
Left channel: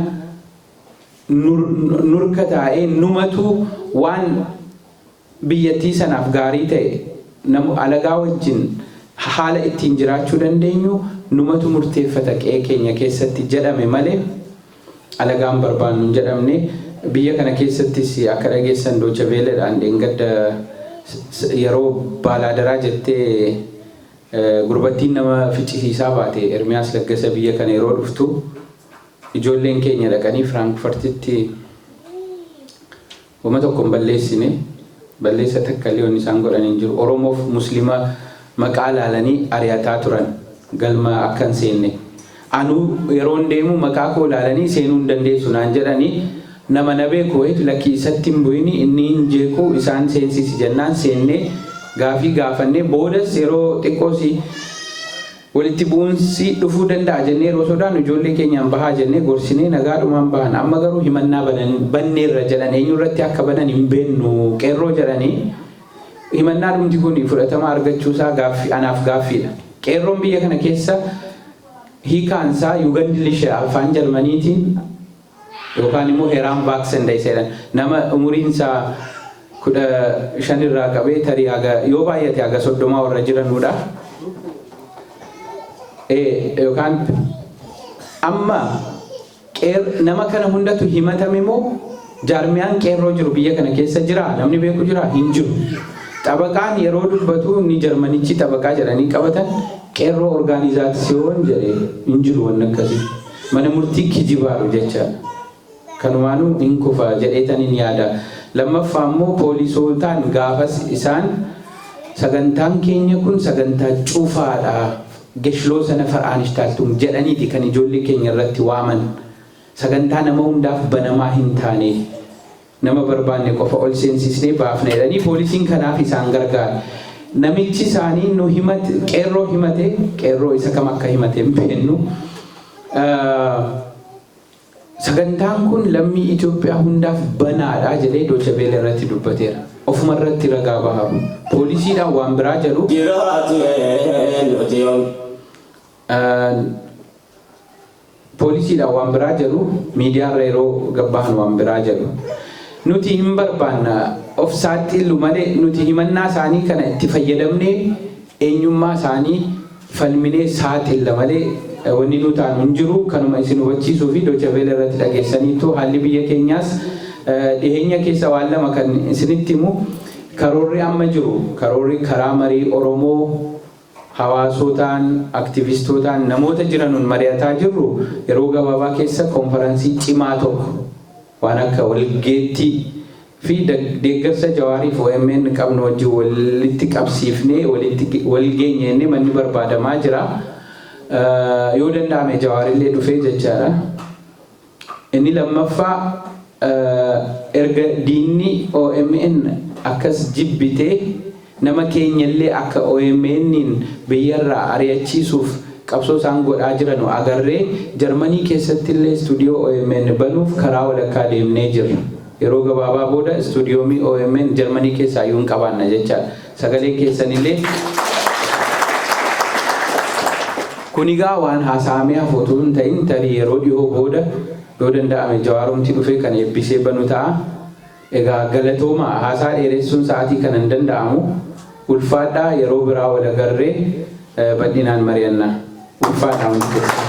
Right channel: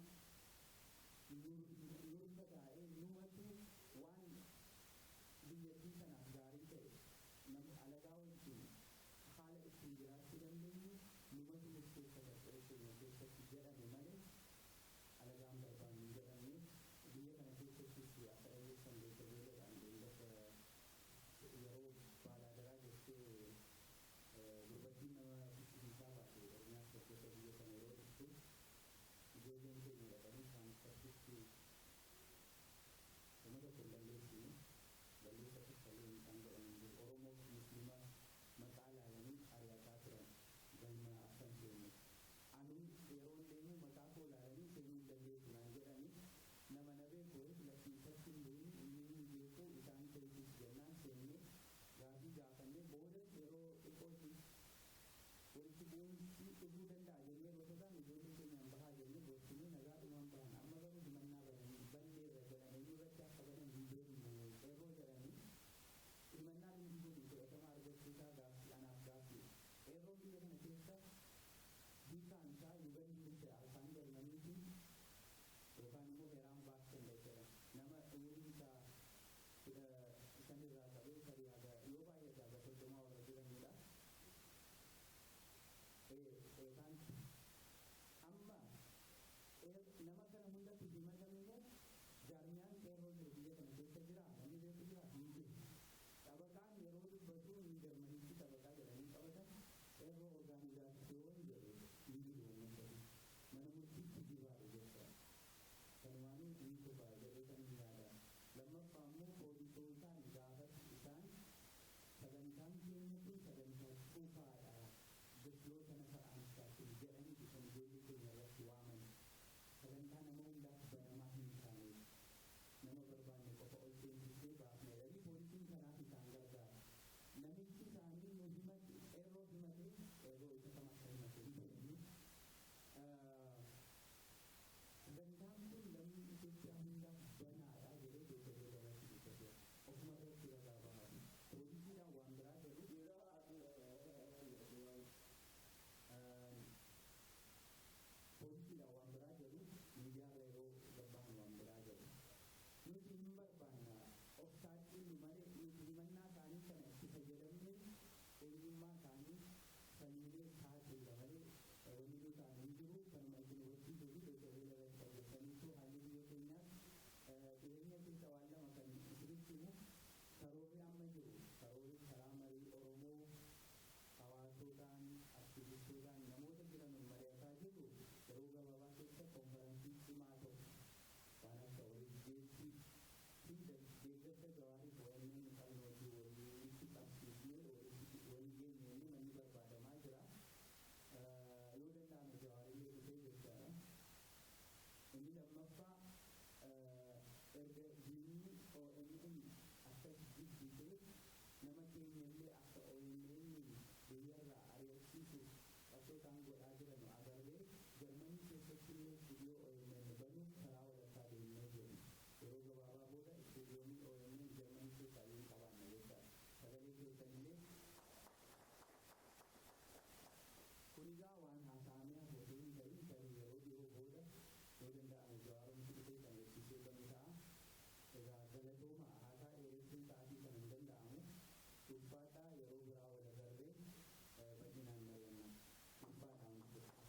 nurka taa'ee numatu waan biyyattii sanaaf gaarii ta'e alagaa wajjin haala ittiin jiraachuu dandeenyu numatu murteeffata qe'ee keenya keessatti jedhame malee alagaan barbaannu hin jedhamne. Biyya kana keessattis akka dhageessan Doocha Veeleedhaan dheengadda yeroo baalaadaraa jettee gurbattiin nama ficcisiisaa baate Ermiyaas Laggasa biyya kana yeroo dhuftu ijoolleen keenya dhaqanii Firaankfurtitti wama tokko hin balleessine balleessa takkallee wanni isaan godhan hin jiru. Oromoof Muslima maqaa laalanii ari'ataa turan galma akka hin seenne. Anuu yeroon deemu maqaa koo laalanii seenuu hin dandeessu naan jedhanii nama na beeku wayitu lakkii isatti hin bu'ini inni hin jeequ isaan seensisi jennaan seennee gaafii gaafannee boodas yeroo xiqqoosi walitti bu'uunsi dhufuu danda'a jennee yeroo sodaannu ijoollee keenyaan bahaa jennee gorsinee nagaadhumaan bahan. Amma garuu himannaa banneerra jedhan eenyurratti akka banan hin beennu qeerroo jedhanii himannaa dhumti kun fudhatama argachuusaa anaaf gaaffiidha. Qeerroon biyya kana keessa hiikaansaa Yugandilisha afaan Jarmaniitiin yookaan immoo Heraan Vaaksenday jedhan nama umuriinsaa 15 irraa qabee tarii yoo baay'ate haga 30 warra jiranudha. Yookaan amma nama kana hundatu himatame moo jaarmiyaan qeerroo jiru biyya kana keessa jira namni beeku jira hin jiru. Xabaqaan yeroo dubbatu ni Jarmanichi xabaqaa jedhanii qabatan qeerroo orgaanizaasiyoon jedhee hin jiru waan akkasii. Mana murtii kijibaaru jecha kanumaanuu hin kufa jedheetaniin yaada. Lammaffaa immoo poolisootaan gaafas isaan sagantaan keenya kun sagantaa cufaadha. Geshiloo sana far'aanishtaattum jedhaniiti kan ijoollee keenya irratti waaman. Sagantaa nama hundaaf banamaa hin taane nama barbaanne qofa ol seensisnee baafna jedhanii poolisiin kanaaf isaan gargaara. Namichi isaanii nu himate qeerroo himate qeerroo isa kam akka himate hin beeknu. Sagantaan kun lammii Itoophiyaa hundaaf banaadha jedhee Doocha Veelee irratti dubbateera. Ofuma irratti ragaa baharu. Poolisiidhaan waan biraa jedhu. Poolisiidhaan waan biraa jedhu miidiyaarra yeroo gabbahan waan biraa jedhu. Nuti hin barbaanna of saaxilu malee nuti himannaa isaanii kana itti fayyadamnee eenyummaa isaanii falminee saaxilla malee wanni nu taanu hin jiru. Kanuma isin hubachiisuu fi Doocha Veelee irratti dhageessaniitu haalli biyya keenyaas dhiheenya keessa waan lama kan isinitti himu karoorri amma jiru karoorri karaa marii Oromoo hawaasotaan aktivistootaan namoota jiranuun mari'ataa jirru yeroo gabaabaa keessa konferansii cimaa tokko waan akka walgeettii fi deeggarsa Jawaariif OMN qabnu wajjin walitti qabsiifnee walgeenyee manni barbaadamaa jira. Yoo danda'ame Jawaarillee dhufee jechaadha. Inni lammaffaa erga diinni OMN akkas jibbitee nama keenyallee akka OMN'n biyyarraa ari'achiisuuf qabsoo isaan godhaa jiran agarree Jarmanii keessattillee istuudiyoo OMN banuuf karaa walakkaa deemnee jirra. Yeroo gabaabaa booda istuudiyoomii OMN Jarmanii keessaa iyyuu hin qabaanna jechaadha. Sagalee keessanillee kunigaa waan haasa'amee hafootu hin ta'in tarii yeroo dhiyoo booda yoo danda'ame Jawaaromti dhufee kan eebbisee banu ta'a. Egaa galatooma haasaa dheeressuun sa'aatii kana hin danda'amu. Ulfaadhaa yeroo biraa wal agarree bal'inaan mari'annaa. Ulfaadhaa.